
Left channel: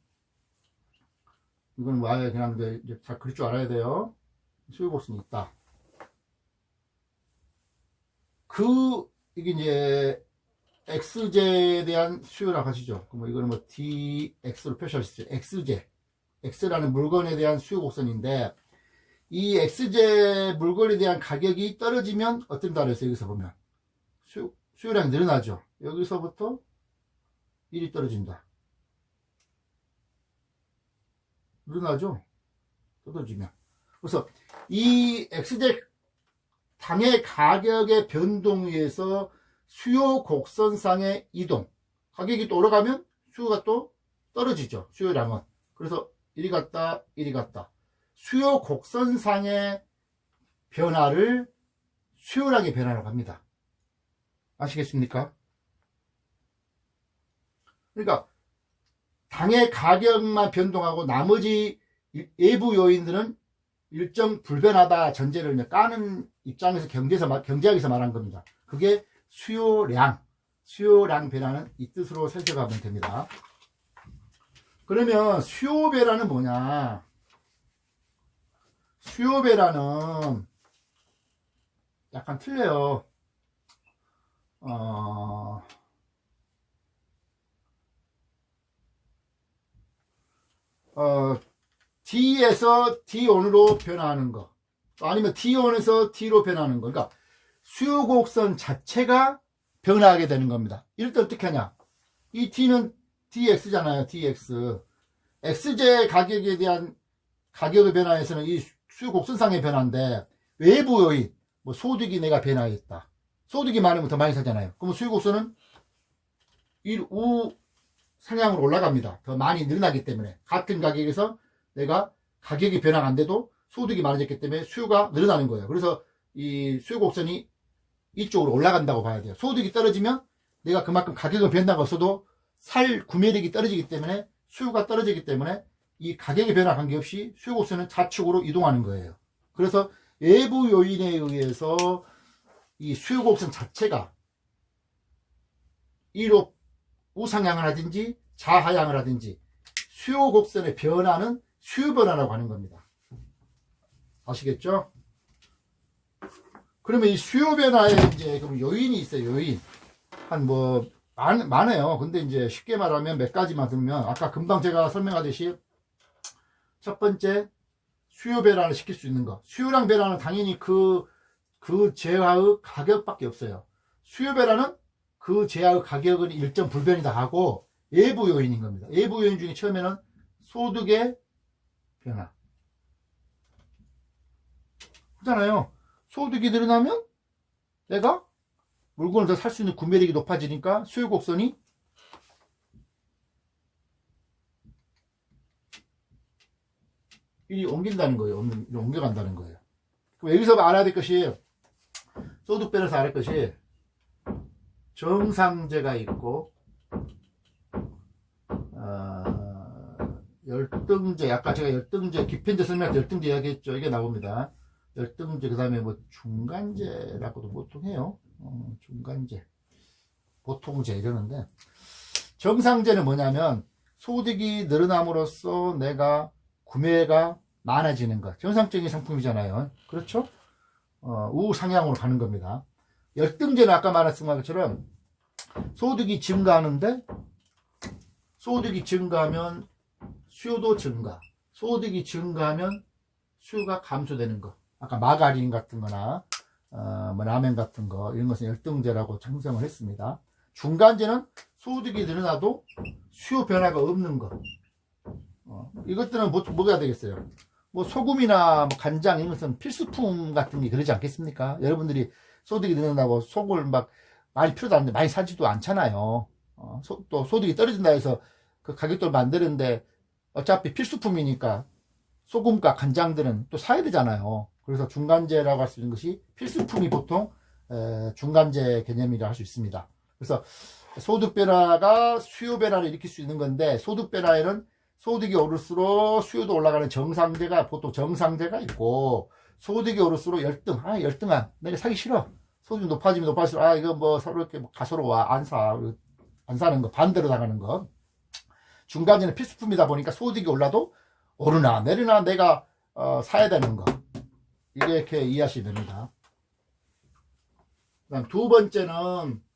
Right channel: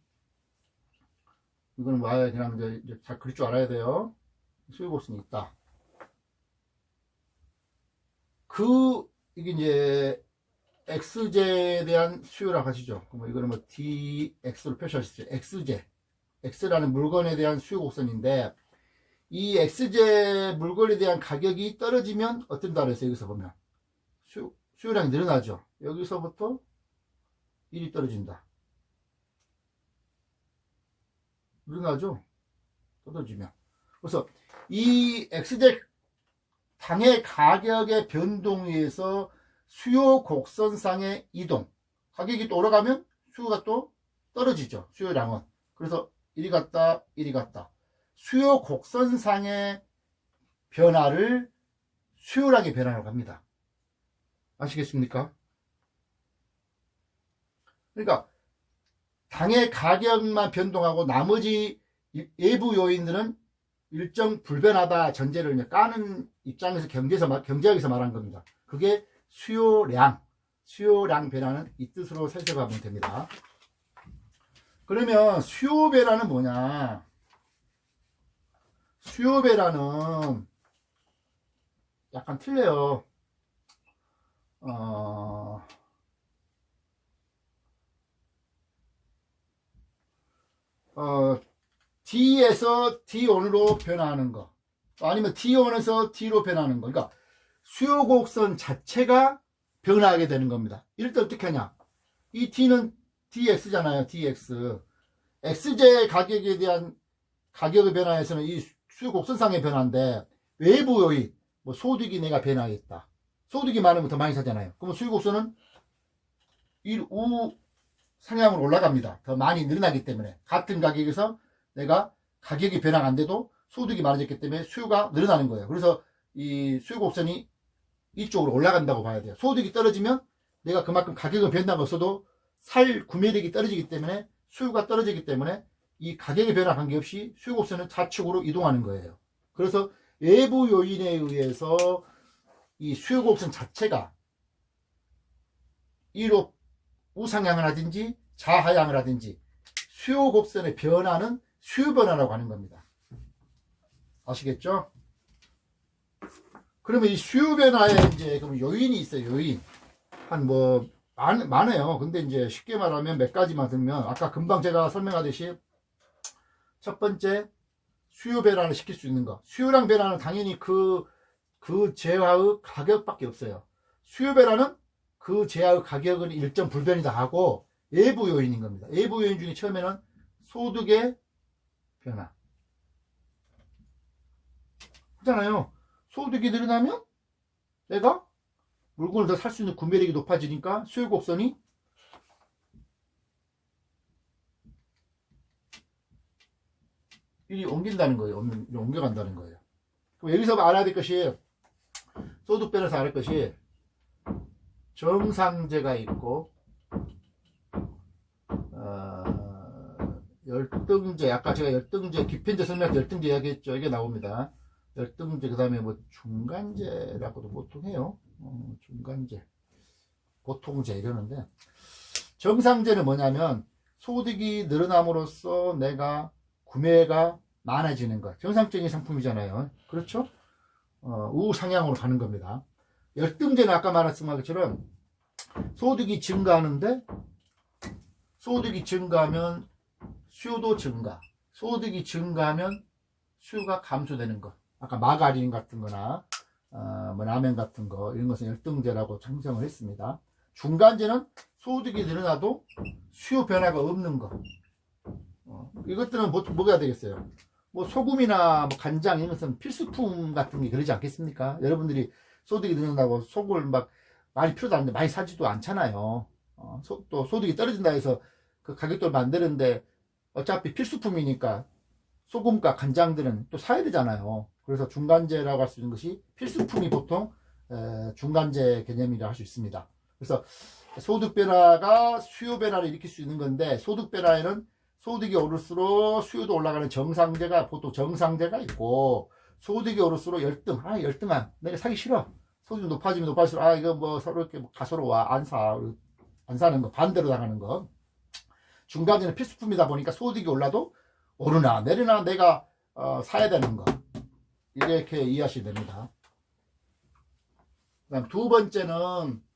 이건 와야 그냥 이제 잘 그릴 줄 알아야 돼요. 수요 곡선이 있다. 이게 이제 x제에 대한 수요라고 하시죠. 그럼 이거는 뭐 dx로 표시할 수 있어요. x제. x라는 물건에 대한 수요 곡선인데, 이 x제 물건에 대한 가격이 떨어지면 어떤다 그랬어요. 여기서 보면 수요량이 늘어나죠. 여기서부터 1이 떨어진다. 늘어나죠. 떨어지면. 그래서 이 x제 당의 가격의 변동에 의해서 수요 곡선상의 이동, 가격이 또 올라가면 수요가 또 떨어지죠. 수요량은. 그래서 이리 갔다 이리 갔다. 수요 곡선상의 변화를 수요량의 변화라고 합니다. 아시겠습니까? 그러니까 당의 가격만 변동하고 나머지 외부 요인들은 일정 불변하다 전제를 까는 입장에서 경제학에서 말한 겁니다. 그게 수요량 변화는 이 뜻으로 살펴가면 됩니다. 그러면 수요 변화는 뭐냐? 수요 변화는 약간 틀려요. D에서 D1으로 변화하는 거, 아니면 D1에서 D로 변하는 거. 그러니까 수요 곡선 자체가 변화하게 되는 겁니다. 이럴 때 어떻게 하냐? 이 D는 DX잖아요. DX. X제 가격에 대한 가격의 변화에서는 이 수요 곡선상의 변화인데, 외부 요인, 뭐 소득이 내가 변화했다. 소득이 많으면 더 많이 사잖아요. 그럼 수요 곡선은 우 상향으로 올라갑니다. 더 많이 늘어나기 때문에. 같은 가격에서 내가 가격이 변화가 안 돼도 소득이 많아졌기 때문에 수요가 늘어나는 거예요. 그래서 이 수요 곡선이 이쪽으로 올라간다고 봐야 돼요. 소득이 떨어지면 내가 그만큼 가격은 변화가 없어도 살 구매력이 떨어지기 때문에, 수요가 떨어지기 때문에 이 가격의 변화 관계없이 수요 곡선은 좌측으로 이동하는 거예요. 그래서 외부 요인에 의해서 이 수요 곡선 자체가 이로 우상향을 하든지 좌하향을 하든지 수요 곡선의 변화는 수요 변화라고 하는 겁니다. 아시겠죠? 그러면 이 수요 변화에 이제 그럼 요인이 있어요. 요인 한 뭐 많아요. 근데 이제 쉽게 말하면 몇 가지만 들면, 아까 금방 제가 설명하듯이 첫 번째 수요 변화를 시킬 수 있는 거. 수요량 변화는 당연히 그 제화의 가격밖에 없어요. 수요 변화는 그 제화의 가격은 일정 불변이다 하고 외부 요인인 겁니다. 외부 요인 중에 처음에는 소득의 변화. 그렇잖아요. 소득이 늘어나면 내가 물건을 더 살 수 있는 구매력이 높아지니까 수요 곡선이 이리 옮긴다는 거예요. 옮겨간다는 거예요. 여기서 알아야 될 것이, 소득배에서 알아야 할 것이 정상제가 있고 열등제, 아까 제가 열등제 기편제 설명할 때 열등제 이야기했죠. 이게 나옵니다. 열등제, 그 다음에 뭐 중간제라고도 보통 해요. 중간제, 보통제 이러는데, 정상제는 뭐냐면 소득이 늘어남으로써 내가 구매가 많아지는 것, 정상적인 상품이잖아요. 그렇죠? 우상향으로 가는 겁니다. 열등제는 아까 말했던 것처럼 소득이 증가하는데, 소득이 증가하면 수요도 증가, 소득이 증가하면 수요가 감소되는 것. 아까 마가린 같은 거나 뭐 라면 같은 거, 이런 것은 열등제라고 형성을 했습니다. 중간제는 소득이 늘어나도 수요 변화가 없는 것. 이것들은 뭐가 되겠어요? 뭐 소금이나 뭐 간장, 이런 것은 필수품 같은 게 그러지 않겠습니까? 여러분들이 소득이 늘어나고 속을 막 많이 필요도 않는데 많이 사지도 않잖아요. 또 소득이 떨어진다 해서 그 가격대를 만드는데 어차피 필수품이니까 소금과 간장들은 또 사야 되잖아요. 그래서 중간재라고 할 수 있는 것이 필수품이 보통 중간재 개념이라 할 수 있습니다. 그래서 소득 변화가 수요 변화를 일으킬 수 있는 건데, 소득 변화에는 소득이 오를수록 수요도 올라가는 정상재가, 보통 정상재가 있고, 소득이 오를수록 열등, 열등아 내가 사기 싫어, 소득이 높아지면 높아질수록 이거 뭐 서로 이렇게 가소로워, 안 사는 거, 반대로 나가는 거. 중간재는 필수품이다 보니까 소득이 올라도 오르나 내리나 내가 사야 되는 거, 이렇게 이해하시면 됩니다. 그다음 두 번째는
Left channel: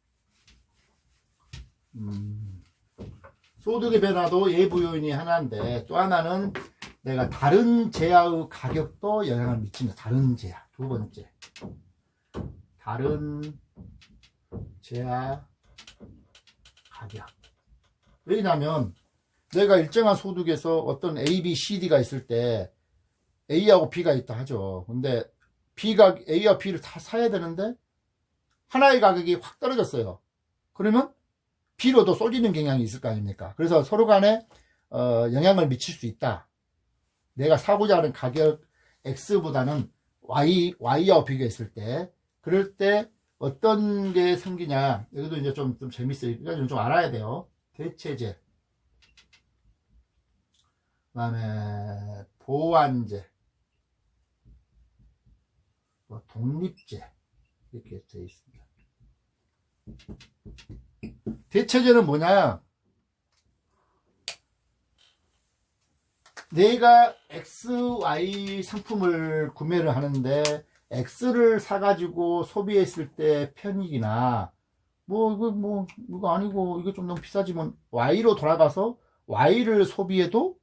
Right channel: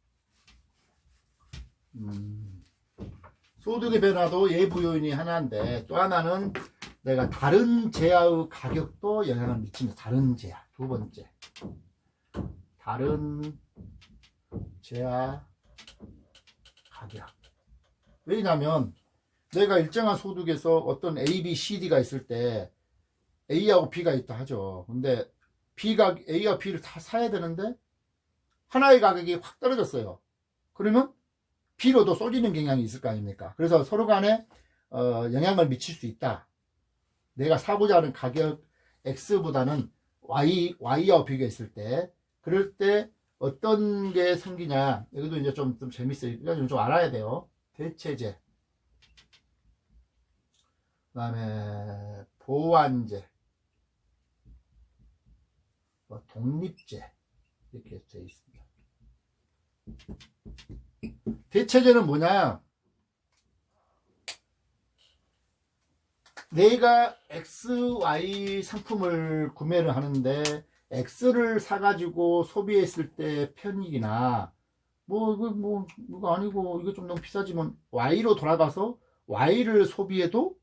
소득의 변화도 예부 요인이 하나인데, 또 하나는 내가 다른 재화의 가격도 영향을 미칩니다. 다른 재화, 두 번째, 다른 재화 가격. 왜냐하면 내가 일정한 소득에서 어떤 A, B, C, D가 있을 때 A하고 B가 있다 하죠. 근데 B가 A와 B를 다 사야 되는데 하나의 가격이 확 떨어졌어요. 그러면 B로도 쏠리는 경향이 있을 거 아닙니까? 그래서 서로 간에 영향을 미칠 수 있다. 내가 사고자 하는 가격 X보다는 Y하고 비교했을 때, 그럴 때 어떤 게 생기냐. 여기도 이제 좀 재밌어요. 이거 좀 알아야 돼요. 대체제, 그 다음에 보완제, 독립제, 이렇게 되어 있습니다. 대체제는 뭐냐? 내가 X, Y 상품을 구매를 하는데 X를 사가지고 소비했을 때 편익이나 이거 아니고 이거 좀 너무 비싸지만 Y로 돌아가서 Y를 소비해도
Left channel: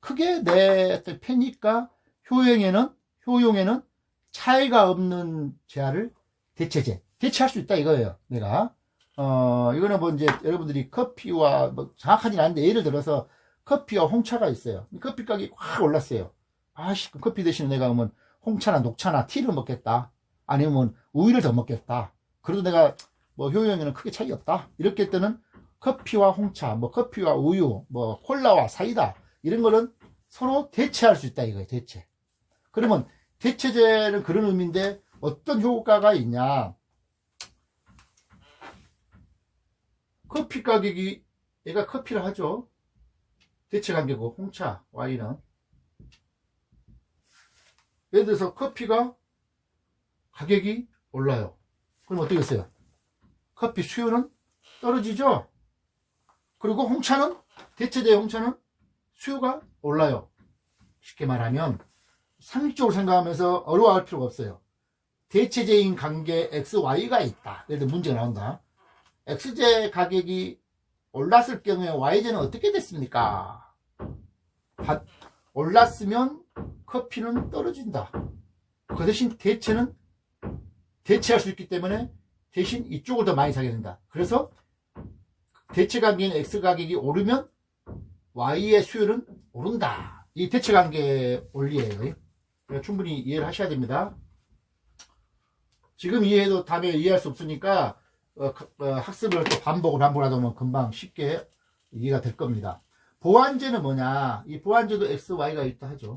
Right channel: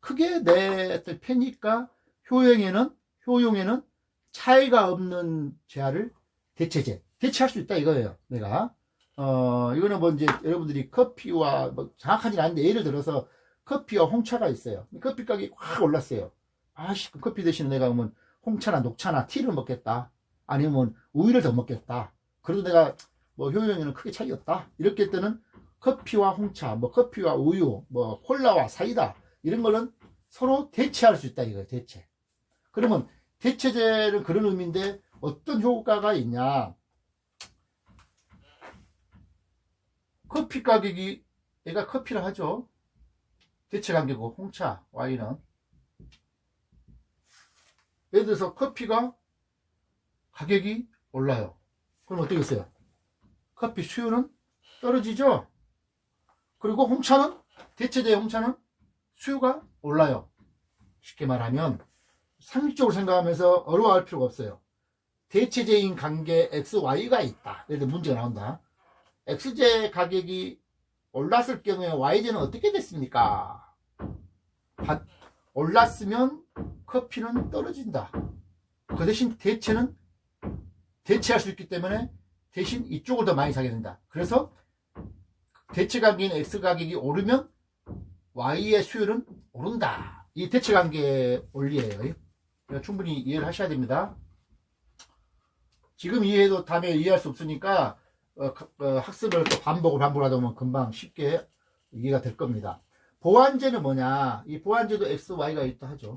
크게 내 편익과 효용에는 차이가 없는 재화를 대체할 수 있다 이거예요. 내가 이거는 뭐 이제 여러분들이 커피와 뭐 정확하진 않은데, 예를 들어서 커피와 홍차가 있어요. 커피 가격이 확 올랐어요. 커피 대신에 내가 그러면 홍차나 녹차나 티를 먹겠다, 아니면 우유를 더 먹겠다. 그래도 내가 뭐 효용에는 크게 차이 없다. 이렇게 때는 커피와 홍차, 뭐 커피와 우유, 뭐 콜라와 사이다, 이런 거는 서로 대체할 수 있다 이거예요. 대체. 그러면 대체제는 그런 의미인데 어떤 효과가 있냐? 커피 가격이, 얘가 커피를 하죠. 대체 가격이고, 홍차, 와인은. 예를 들어서 커피가 가격이 올라요. 그럼 어떻게 됐어요? 커피 수요는 떨어지죠. 그리고 홍차는, 대체제 홍차는 수요가 올라요. 쉽게 말하면 상식적으로 생각하면서 어려워할 필요가 없어요. 대체제인 관계 XY가 있다. 예를 들어 문제가 나온다. X제 가격이 올랐을 경우에 Y제는 어떻게 됐습니까? 올랐으면 커피는 떨어진다. 그 대신 대체는 대체할 수 있기 때문에 대신 이쪽을 더 많이 사게 된다. 그래서 대체 가격인 X 가격이 오르면 Y의 수요는 오른다. 이 대체 관계의 원리예요. 충분히 이해를 하셔야 됩니다. 지금 이해해도 다음에 이해할 수 없으니까 학습을 또 반복을 하다 보면 금방 쉽게 이해가 될 겁니다. 보완제는 뭐냐? 이 보완제도 X, Y가 있다 하죠.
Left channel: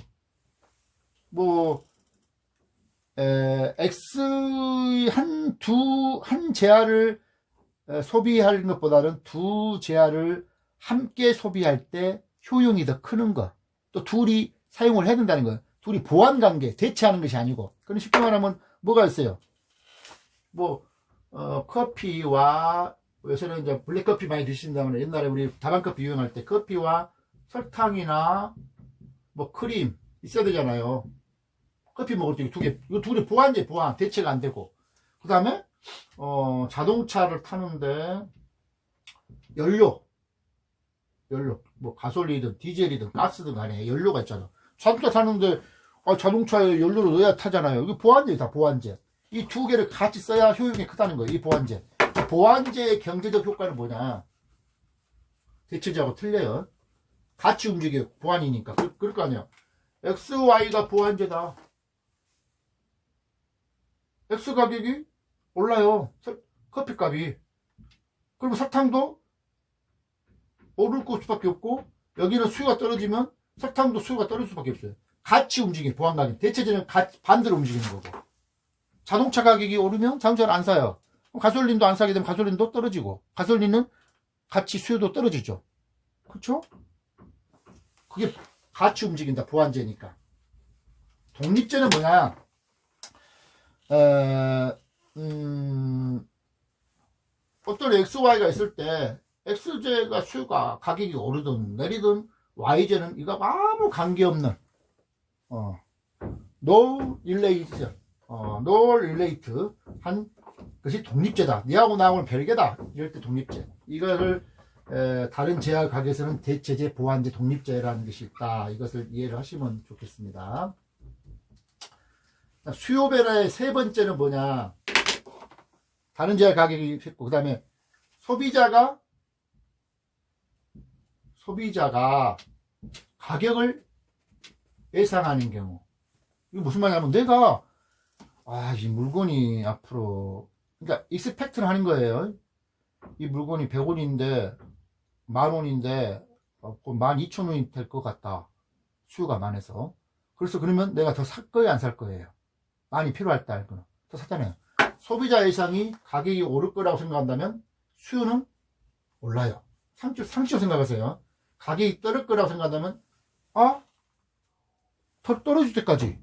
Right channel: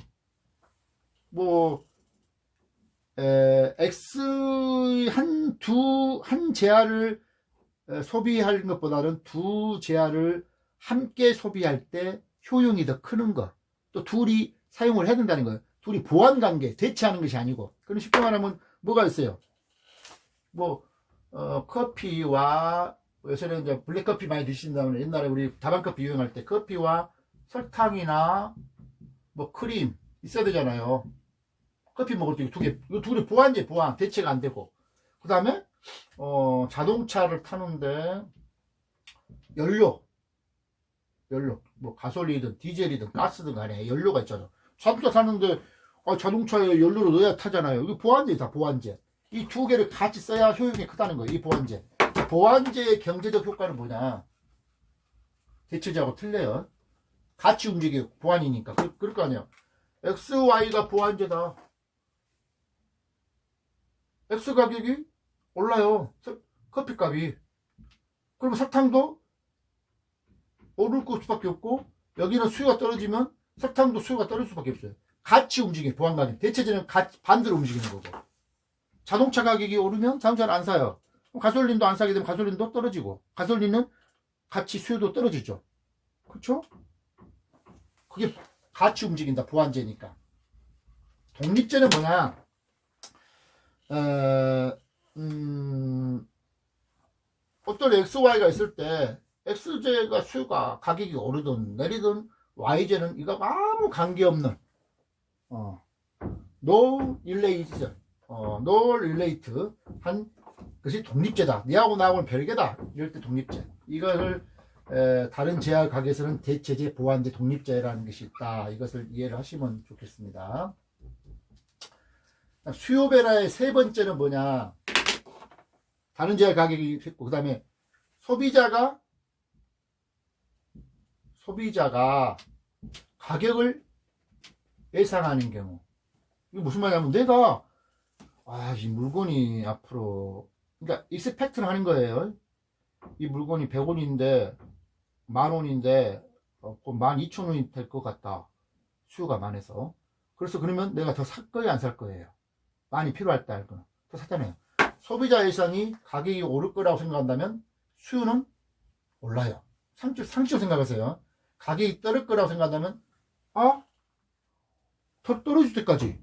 뭐 X 한 재화를 소비하는 것보다는 두 재화를 함께 소비할 때 효용이 더 크는 것. 또 둘이 사용을 해야 된다는 거예요. 둘이 보완관계, 대체하는 것이 아니고. 그럼 쉽게 말하면 뭐가 있어요? 뭐 커피와, 요새는 이제 블랙커피 많이 드신다면, 옛날에 우리 다방커피 유행할 때 커피와 설탕이나 뭐 크림 있어야 되잖아요. 커피 먹을 때 이거 두 개 보완제, 보완, 대체가 안 되고. 그 다음에 자동차를 타는데 연료, 뭐 가솔린이든 디젤이든 가스든 간에 연료가 있잖아. 자동차 타는데 자동차에 연료를 넣어야 타잖아요. 이거 보완제다, 보완제. 이 두 개를 같이 써야 효용이 크다는 거예요. 이 보완제. 보완제의 경제적 효과는 뭐냐? 대체제하고 틀려요. 같이 움직여, 보완이니까. 그럴 거 아니야. XY가 보완제다. X 가격이 올라요. 커피 값이. 그럼 설탕도 오를 수밖에 없고, 여기는 수요가 떨어지면 설탕도 수요가 떨어질 수밖에 없어요. 같이 움직이는 보완 가격. 대체제는 반대로 움직이는 거고. 자동차 가격이 오르면 자동차를 안 사요. 가솔린도 안 사게 되면 가솔린도 떨어지고, 가솔린은 같이 수요도 떨어지죠. 그렇죠? 그게 같이 움직인다, 보완제니까. 독립제는 뭐냐? 어떤 XY가 있을 때 X제가 수요가 가격이 오르든 내리든 Y제는 이거 아무 관계없는 no relation, no relate 한 것이 독립제다. 니하고 나하고는 별개다. 이럴 때 독립제. 이거를 다른 제약 가격에서는 대체제, 보완제, 독립제라는 것이 있다. 이것을 이해를 하시면 좋겠습니다. 수요 변화의 세 번째는 뭐냐? 다른 제약 가격이 있고, 그 다음에 소비자가 가격을 예상하는 경우. 이게 무슨 말이냐면, 내가 이 물건이 앞으로, 그러니까 익스펙트를 하는 거예요. 이 물건이 100원인데 10,000원인데 12,000원이 될 것 같다. 수요가 많아서. 그래서 그러면 내가 더 살 거예요, 안 살 거예요? 많이 필요할 때 알거나 더 샀잖아요. 소비자 예상이 가격이 오를 거라고 생각한다면 수요는 올라요. 상식적으로 생각하세요. 가격이 떨어질 거라고 생각한다면 더 떨어질 때까지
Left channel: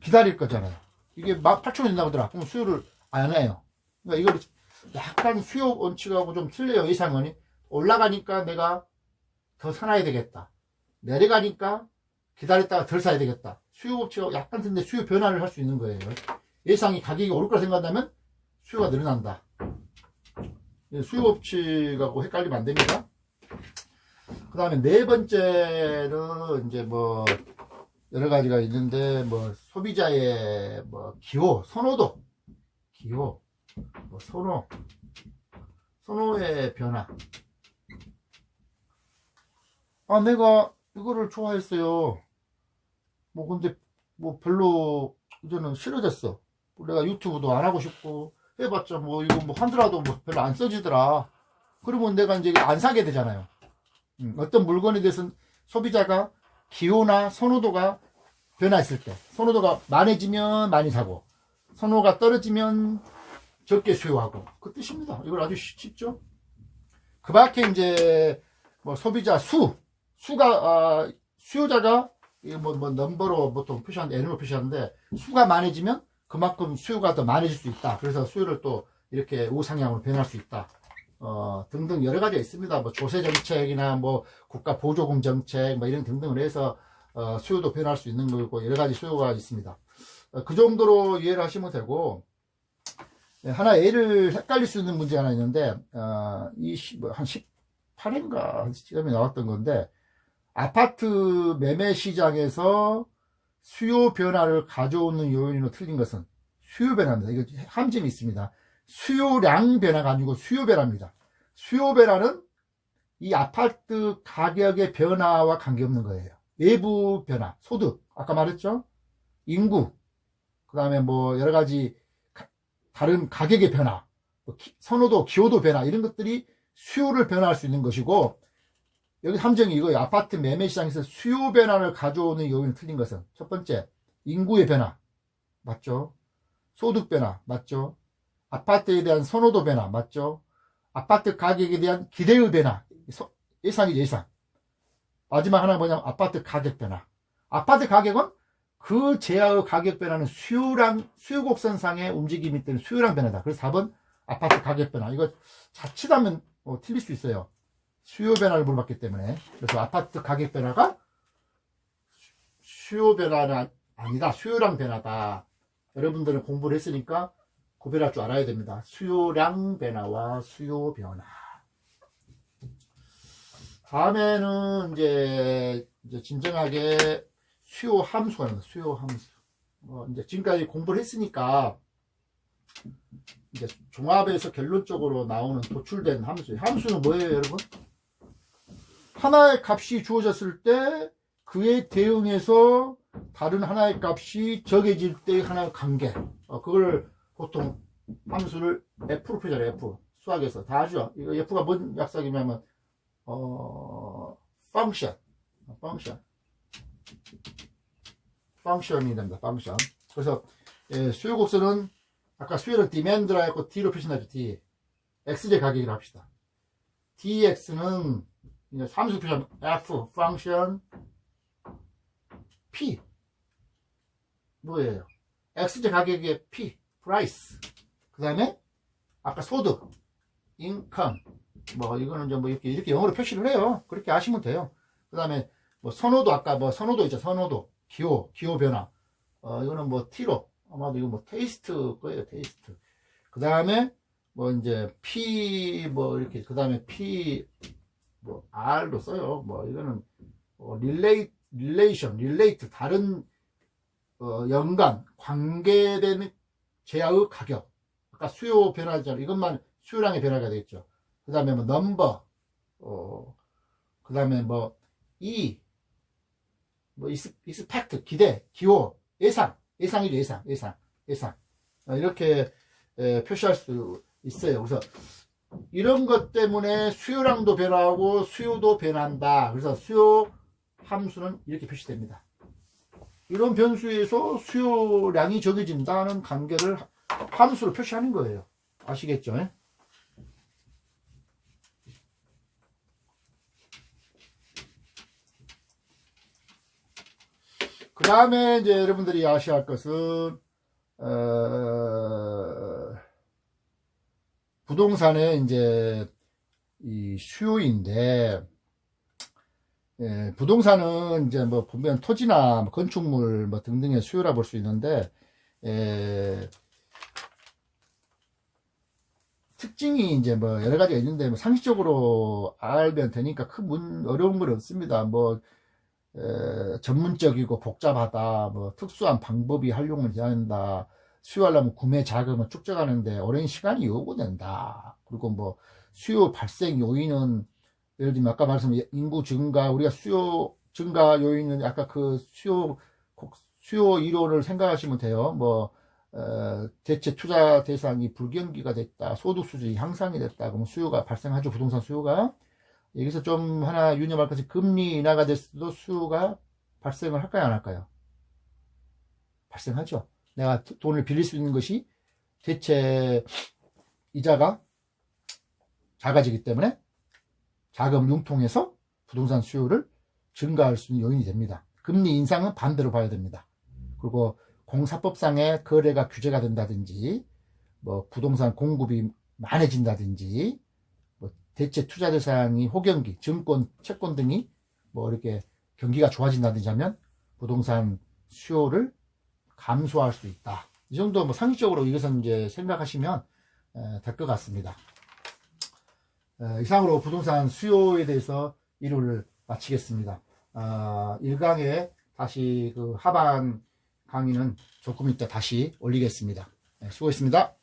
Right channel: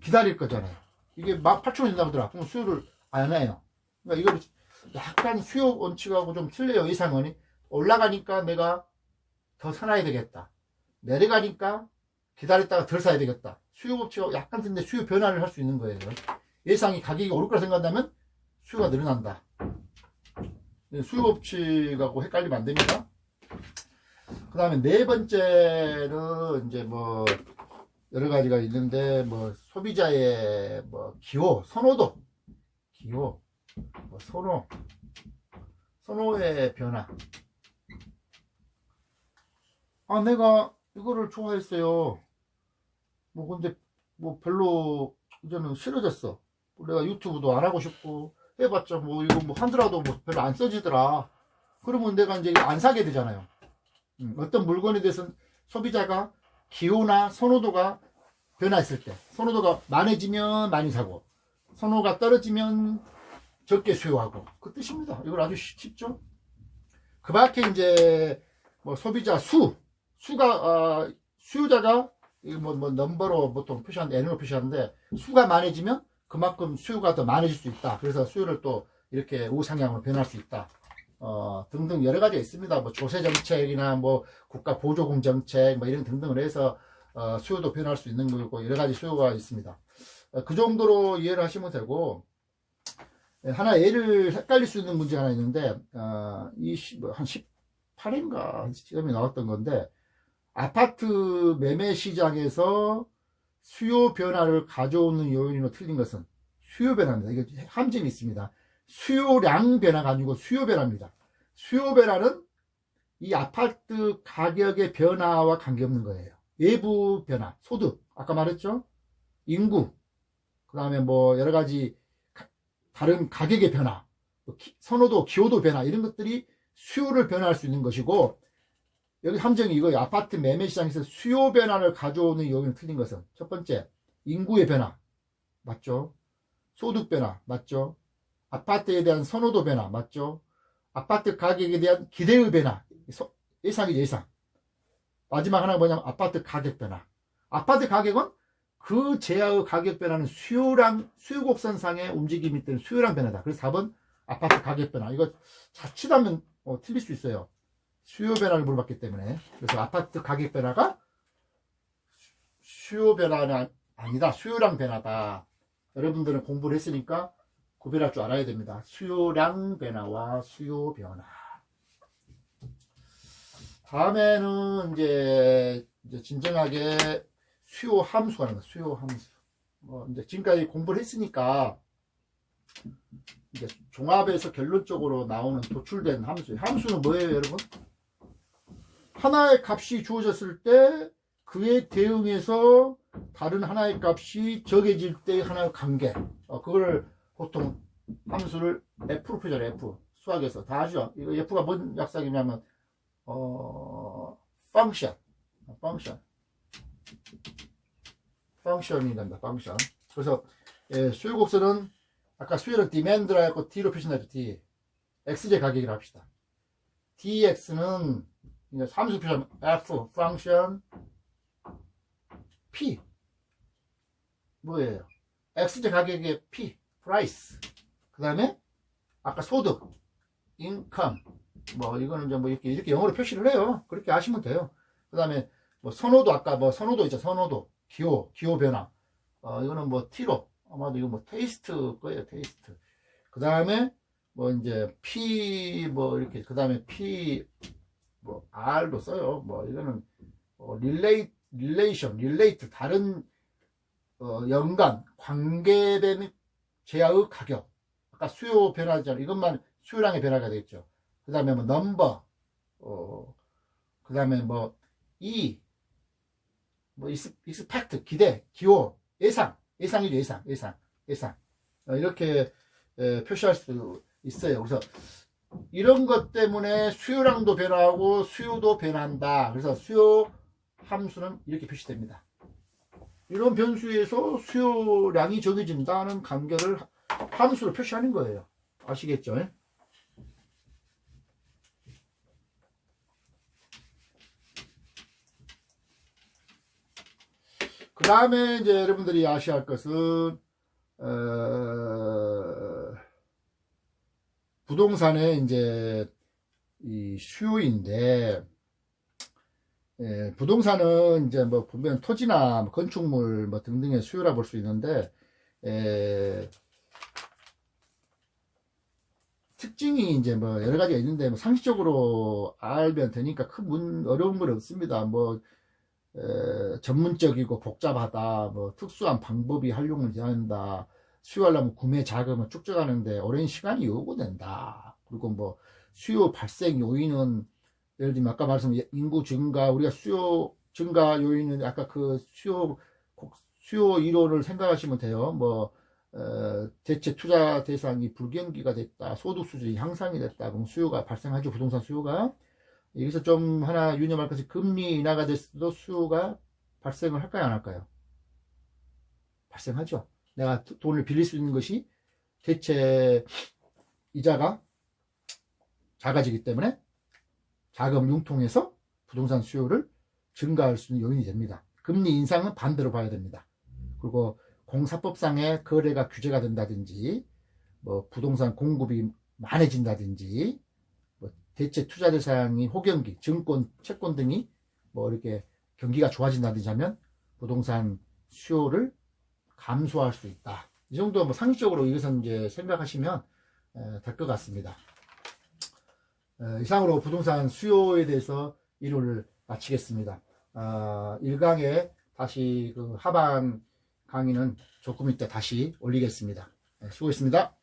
기다릴 거잖아요. 이게 18,000원 된다고 하더라. 그럼 수요를 안 해요. 그러니까 이걸 약간 수요 원칙하고 좀 틀려요. 예상은 올라가니까 내가 더 사놔야 되겠다. 내려가니까 기다렸다가 덜 사야 되겠다. 수요 원칙하고 약간 틀린데 수요 변화를 할 수 있는 거예요. 예상이 가격이 오를 거라 생각한다면 수요가 늘어난다. 수요 법칙하고 헷갈리면 안 됩니다. 그 다음에 네 번째는 이제 뭐 여러 가지가 있는데, 뭐 소비자의 뭐 기호, 선호도, 선호의 변화. 내가 이거를 좋아했어요. 뭐 근데 뭐 별로 이제는 싫어졌어. 내가 유튜브도 안 하고 싶고 해봤자 뭐 이거 뭐 하더라도 뭐 별로 안 써지더라. 그러면 내가 이제 안 사게 되잖아요. 어떤 물건에 대해서는 소비자가 기호나 선호도가 변화했을 때, 선호도가 많아지면 많이 사고, 선호가 떨어지면 적게 수요하고, 그 뜻입니다. 이걸 아주 쉽죠? 그 밖에 이제 뭐 소비자 수요자가 뭐 넘버로 보통 표시하는데, N으로 표시하는데, 수가 많아지면 그만큼 수요가 더 많아질 수 있다. 그래서 수요를 또 이렇게 우상향으로 변할 수 있다. 등등 여러 가지가 있습니다. 뭐 조세 정책이나 뭐 국가 보조금 정책 뭐 이런 등등을 해서 수요도 변할 수 있는 거고, 여러 가지 수요가 있습니다. 그 정도로 이해를 하시면 되고, 하나 예를 헷갈릴 수 있는 문제가 하나 있는데, 한 18인가 시점에 나왔던 건데, 아파트 매매 시장에서 수요 변화를 가져오는 요인으로 틀린 것은 수요 변화입니다. 이거 함정이 있습니다. 수요량 변화가 아니고 수요 변화입니다. 수요 변화는 이 아파트 가격의 변화와 관계없는 거예요. 외부 변화, 소득, 아까 말했죠? 인구, 그 다음에 뭐 여러 가지 다른 가격의 변화, 선호도, 기호도 변화, 이런 것들이 수요를 변화할 수 있는 것이고, 여기 함정이 이거예요. 아파트 매매 시장에서 수요 변화를 가져오는 요인을 틀린 것은, 첫 번째, 인구의 변화 맞죠? 소득 변화 맞죠? 아파트에 대한 선호도 변화 맞죠? 아파트 가격에 대한 기대의 변화 예상이죠 예상. 마지막 하나 뭐냐면 아파트 가격 변화. 아파트 가격은 그 제야의 가격 변화는 수요랑 수요곡선상의 움직임이 때문에 수요랑 변화다. 그래서 4번 아파트 가격 변화. 이거 자칫하면 틀릴 수 있어요. 수요 변화를 물어봤기 때문에. 그래서 아파트 가격 변화가 수요 변화는 아니다. 수요량 변화다. 여러분들은 공부를 했으니까 구별할 줄 알아야 됩니다. 수요량 변화와 수요 변화. 다음에는 이제 진정하게 수요 함수가 나옵니다. 수요 함수. 이제 지금까지 공부를 했으니까 이제 종합에서 결론적으로 나오는 도출된 함수. 함수는 뭐예요, 여러분? 하나의 값이 주어졌을 때 그에 대응해서 다른 하나의 값이 적해질 때의 하나의 관계. 그걸 보통 함수를 F로 표현해요. F. 수학에서 다 아죠? 이거 F가 뭔 약삭이냐면 펑션이 됩니다. 펑션. 그래서 수요곡선은 아까 수요는 디맨드라 했고 D로 표시하죠. D. XJ 가격이라고 합시다. DX는 함수 표시하면 F 펑션 P 뭐예요? XJ 가격의 P price. 그 다음에 아까 소득 income 이거는 좀 이렇게 영어로 표시를 해요. 그렇게 아시면 돼요. 그 다음에 선호도 아까 선호도 있죠. 선호도 기호 변화. 이거는 T로 아마도 이거 테이스트 거예요. 테이스트. 그 다음에 이제 P 이렇게 그 다음에 P R도 써요. 이거는 relate 다른 연관 관계되는 제야의 가격. 아까 수요 변화잖아요. 이것만 수요량의 변화가 되겠죠. 그 다음에 넘버, 그 다음에 expect, 기대, 기호, 예상이죠, 예상. 이렇게 표시할 수 있어요. 그래서 이런 것 때문에 수요량도 변화하고 수요도 변한다. 그래서 수요 함수는 이렇게 표시됩니다. 이런 변수에서 수요량이 적어진다는 관계를 함수로 표시하는 거예요. 아시겠죠? 그 다음에 이제 여러분들이 아셔야 할 것은 부동산의 이제 이 수요인데 부동산은 이제 보면 토지나 건축물 등등의 수요라 볼 수 있는데 특징이 이제 여러 가지가 있는데 상식적으로 알면 되니까 큰 어려운 건 없습니다. 전문적이고 복잡하다, 특수한 방법이 활용을 해야 한다, 수요하려면 구매 자금을 축적하는데 오랜 시간이 요구된다. 그리고 수요 발생 요인은 예를 들면 아까 말씀드린 인구 증가, 우리가 수요 증가 요인은 아까 그 수요 이론을 생각하시면 돼요. 대체 투자 대상이 불경기가 됐다, 소득 수준이 향상이 됐다, 그럼 수요가 발생하죠. 부동산 수요가. 여기서 좀 하나 유념할 것이 금리 인하가 됐어도 수요가 발생을 할까요, 안 할까요? 발생하죠. 내가 돈을 빌릴 수 있는 것이 대체 이자가 작아지기 때문에 자금 융통해서 부동산 수요를 증가할 수 있는 요인이 됩니다. 금리 인상은 반대로 봐야 됩니다. 그리고 공사법상의 거래가 규제가 된다든지 부동산 공급이 많아진다든지 대체 투자 대상이 호경기, 증권, 채권 등이 이렇게 경기가 좋아진다든지 하면 부동산 수요를 감소할 수 있다. 이 정도 상식적으로 이것은 이제 생각하시면 될 것 같습니다. 이상으로 부동산 수요에 대해서 이론을 마치겠습니다. 1강에 다시 그 하반 강의는 조금 이따 다시 올리겠습니다. 수고했습니다.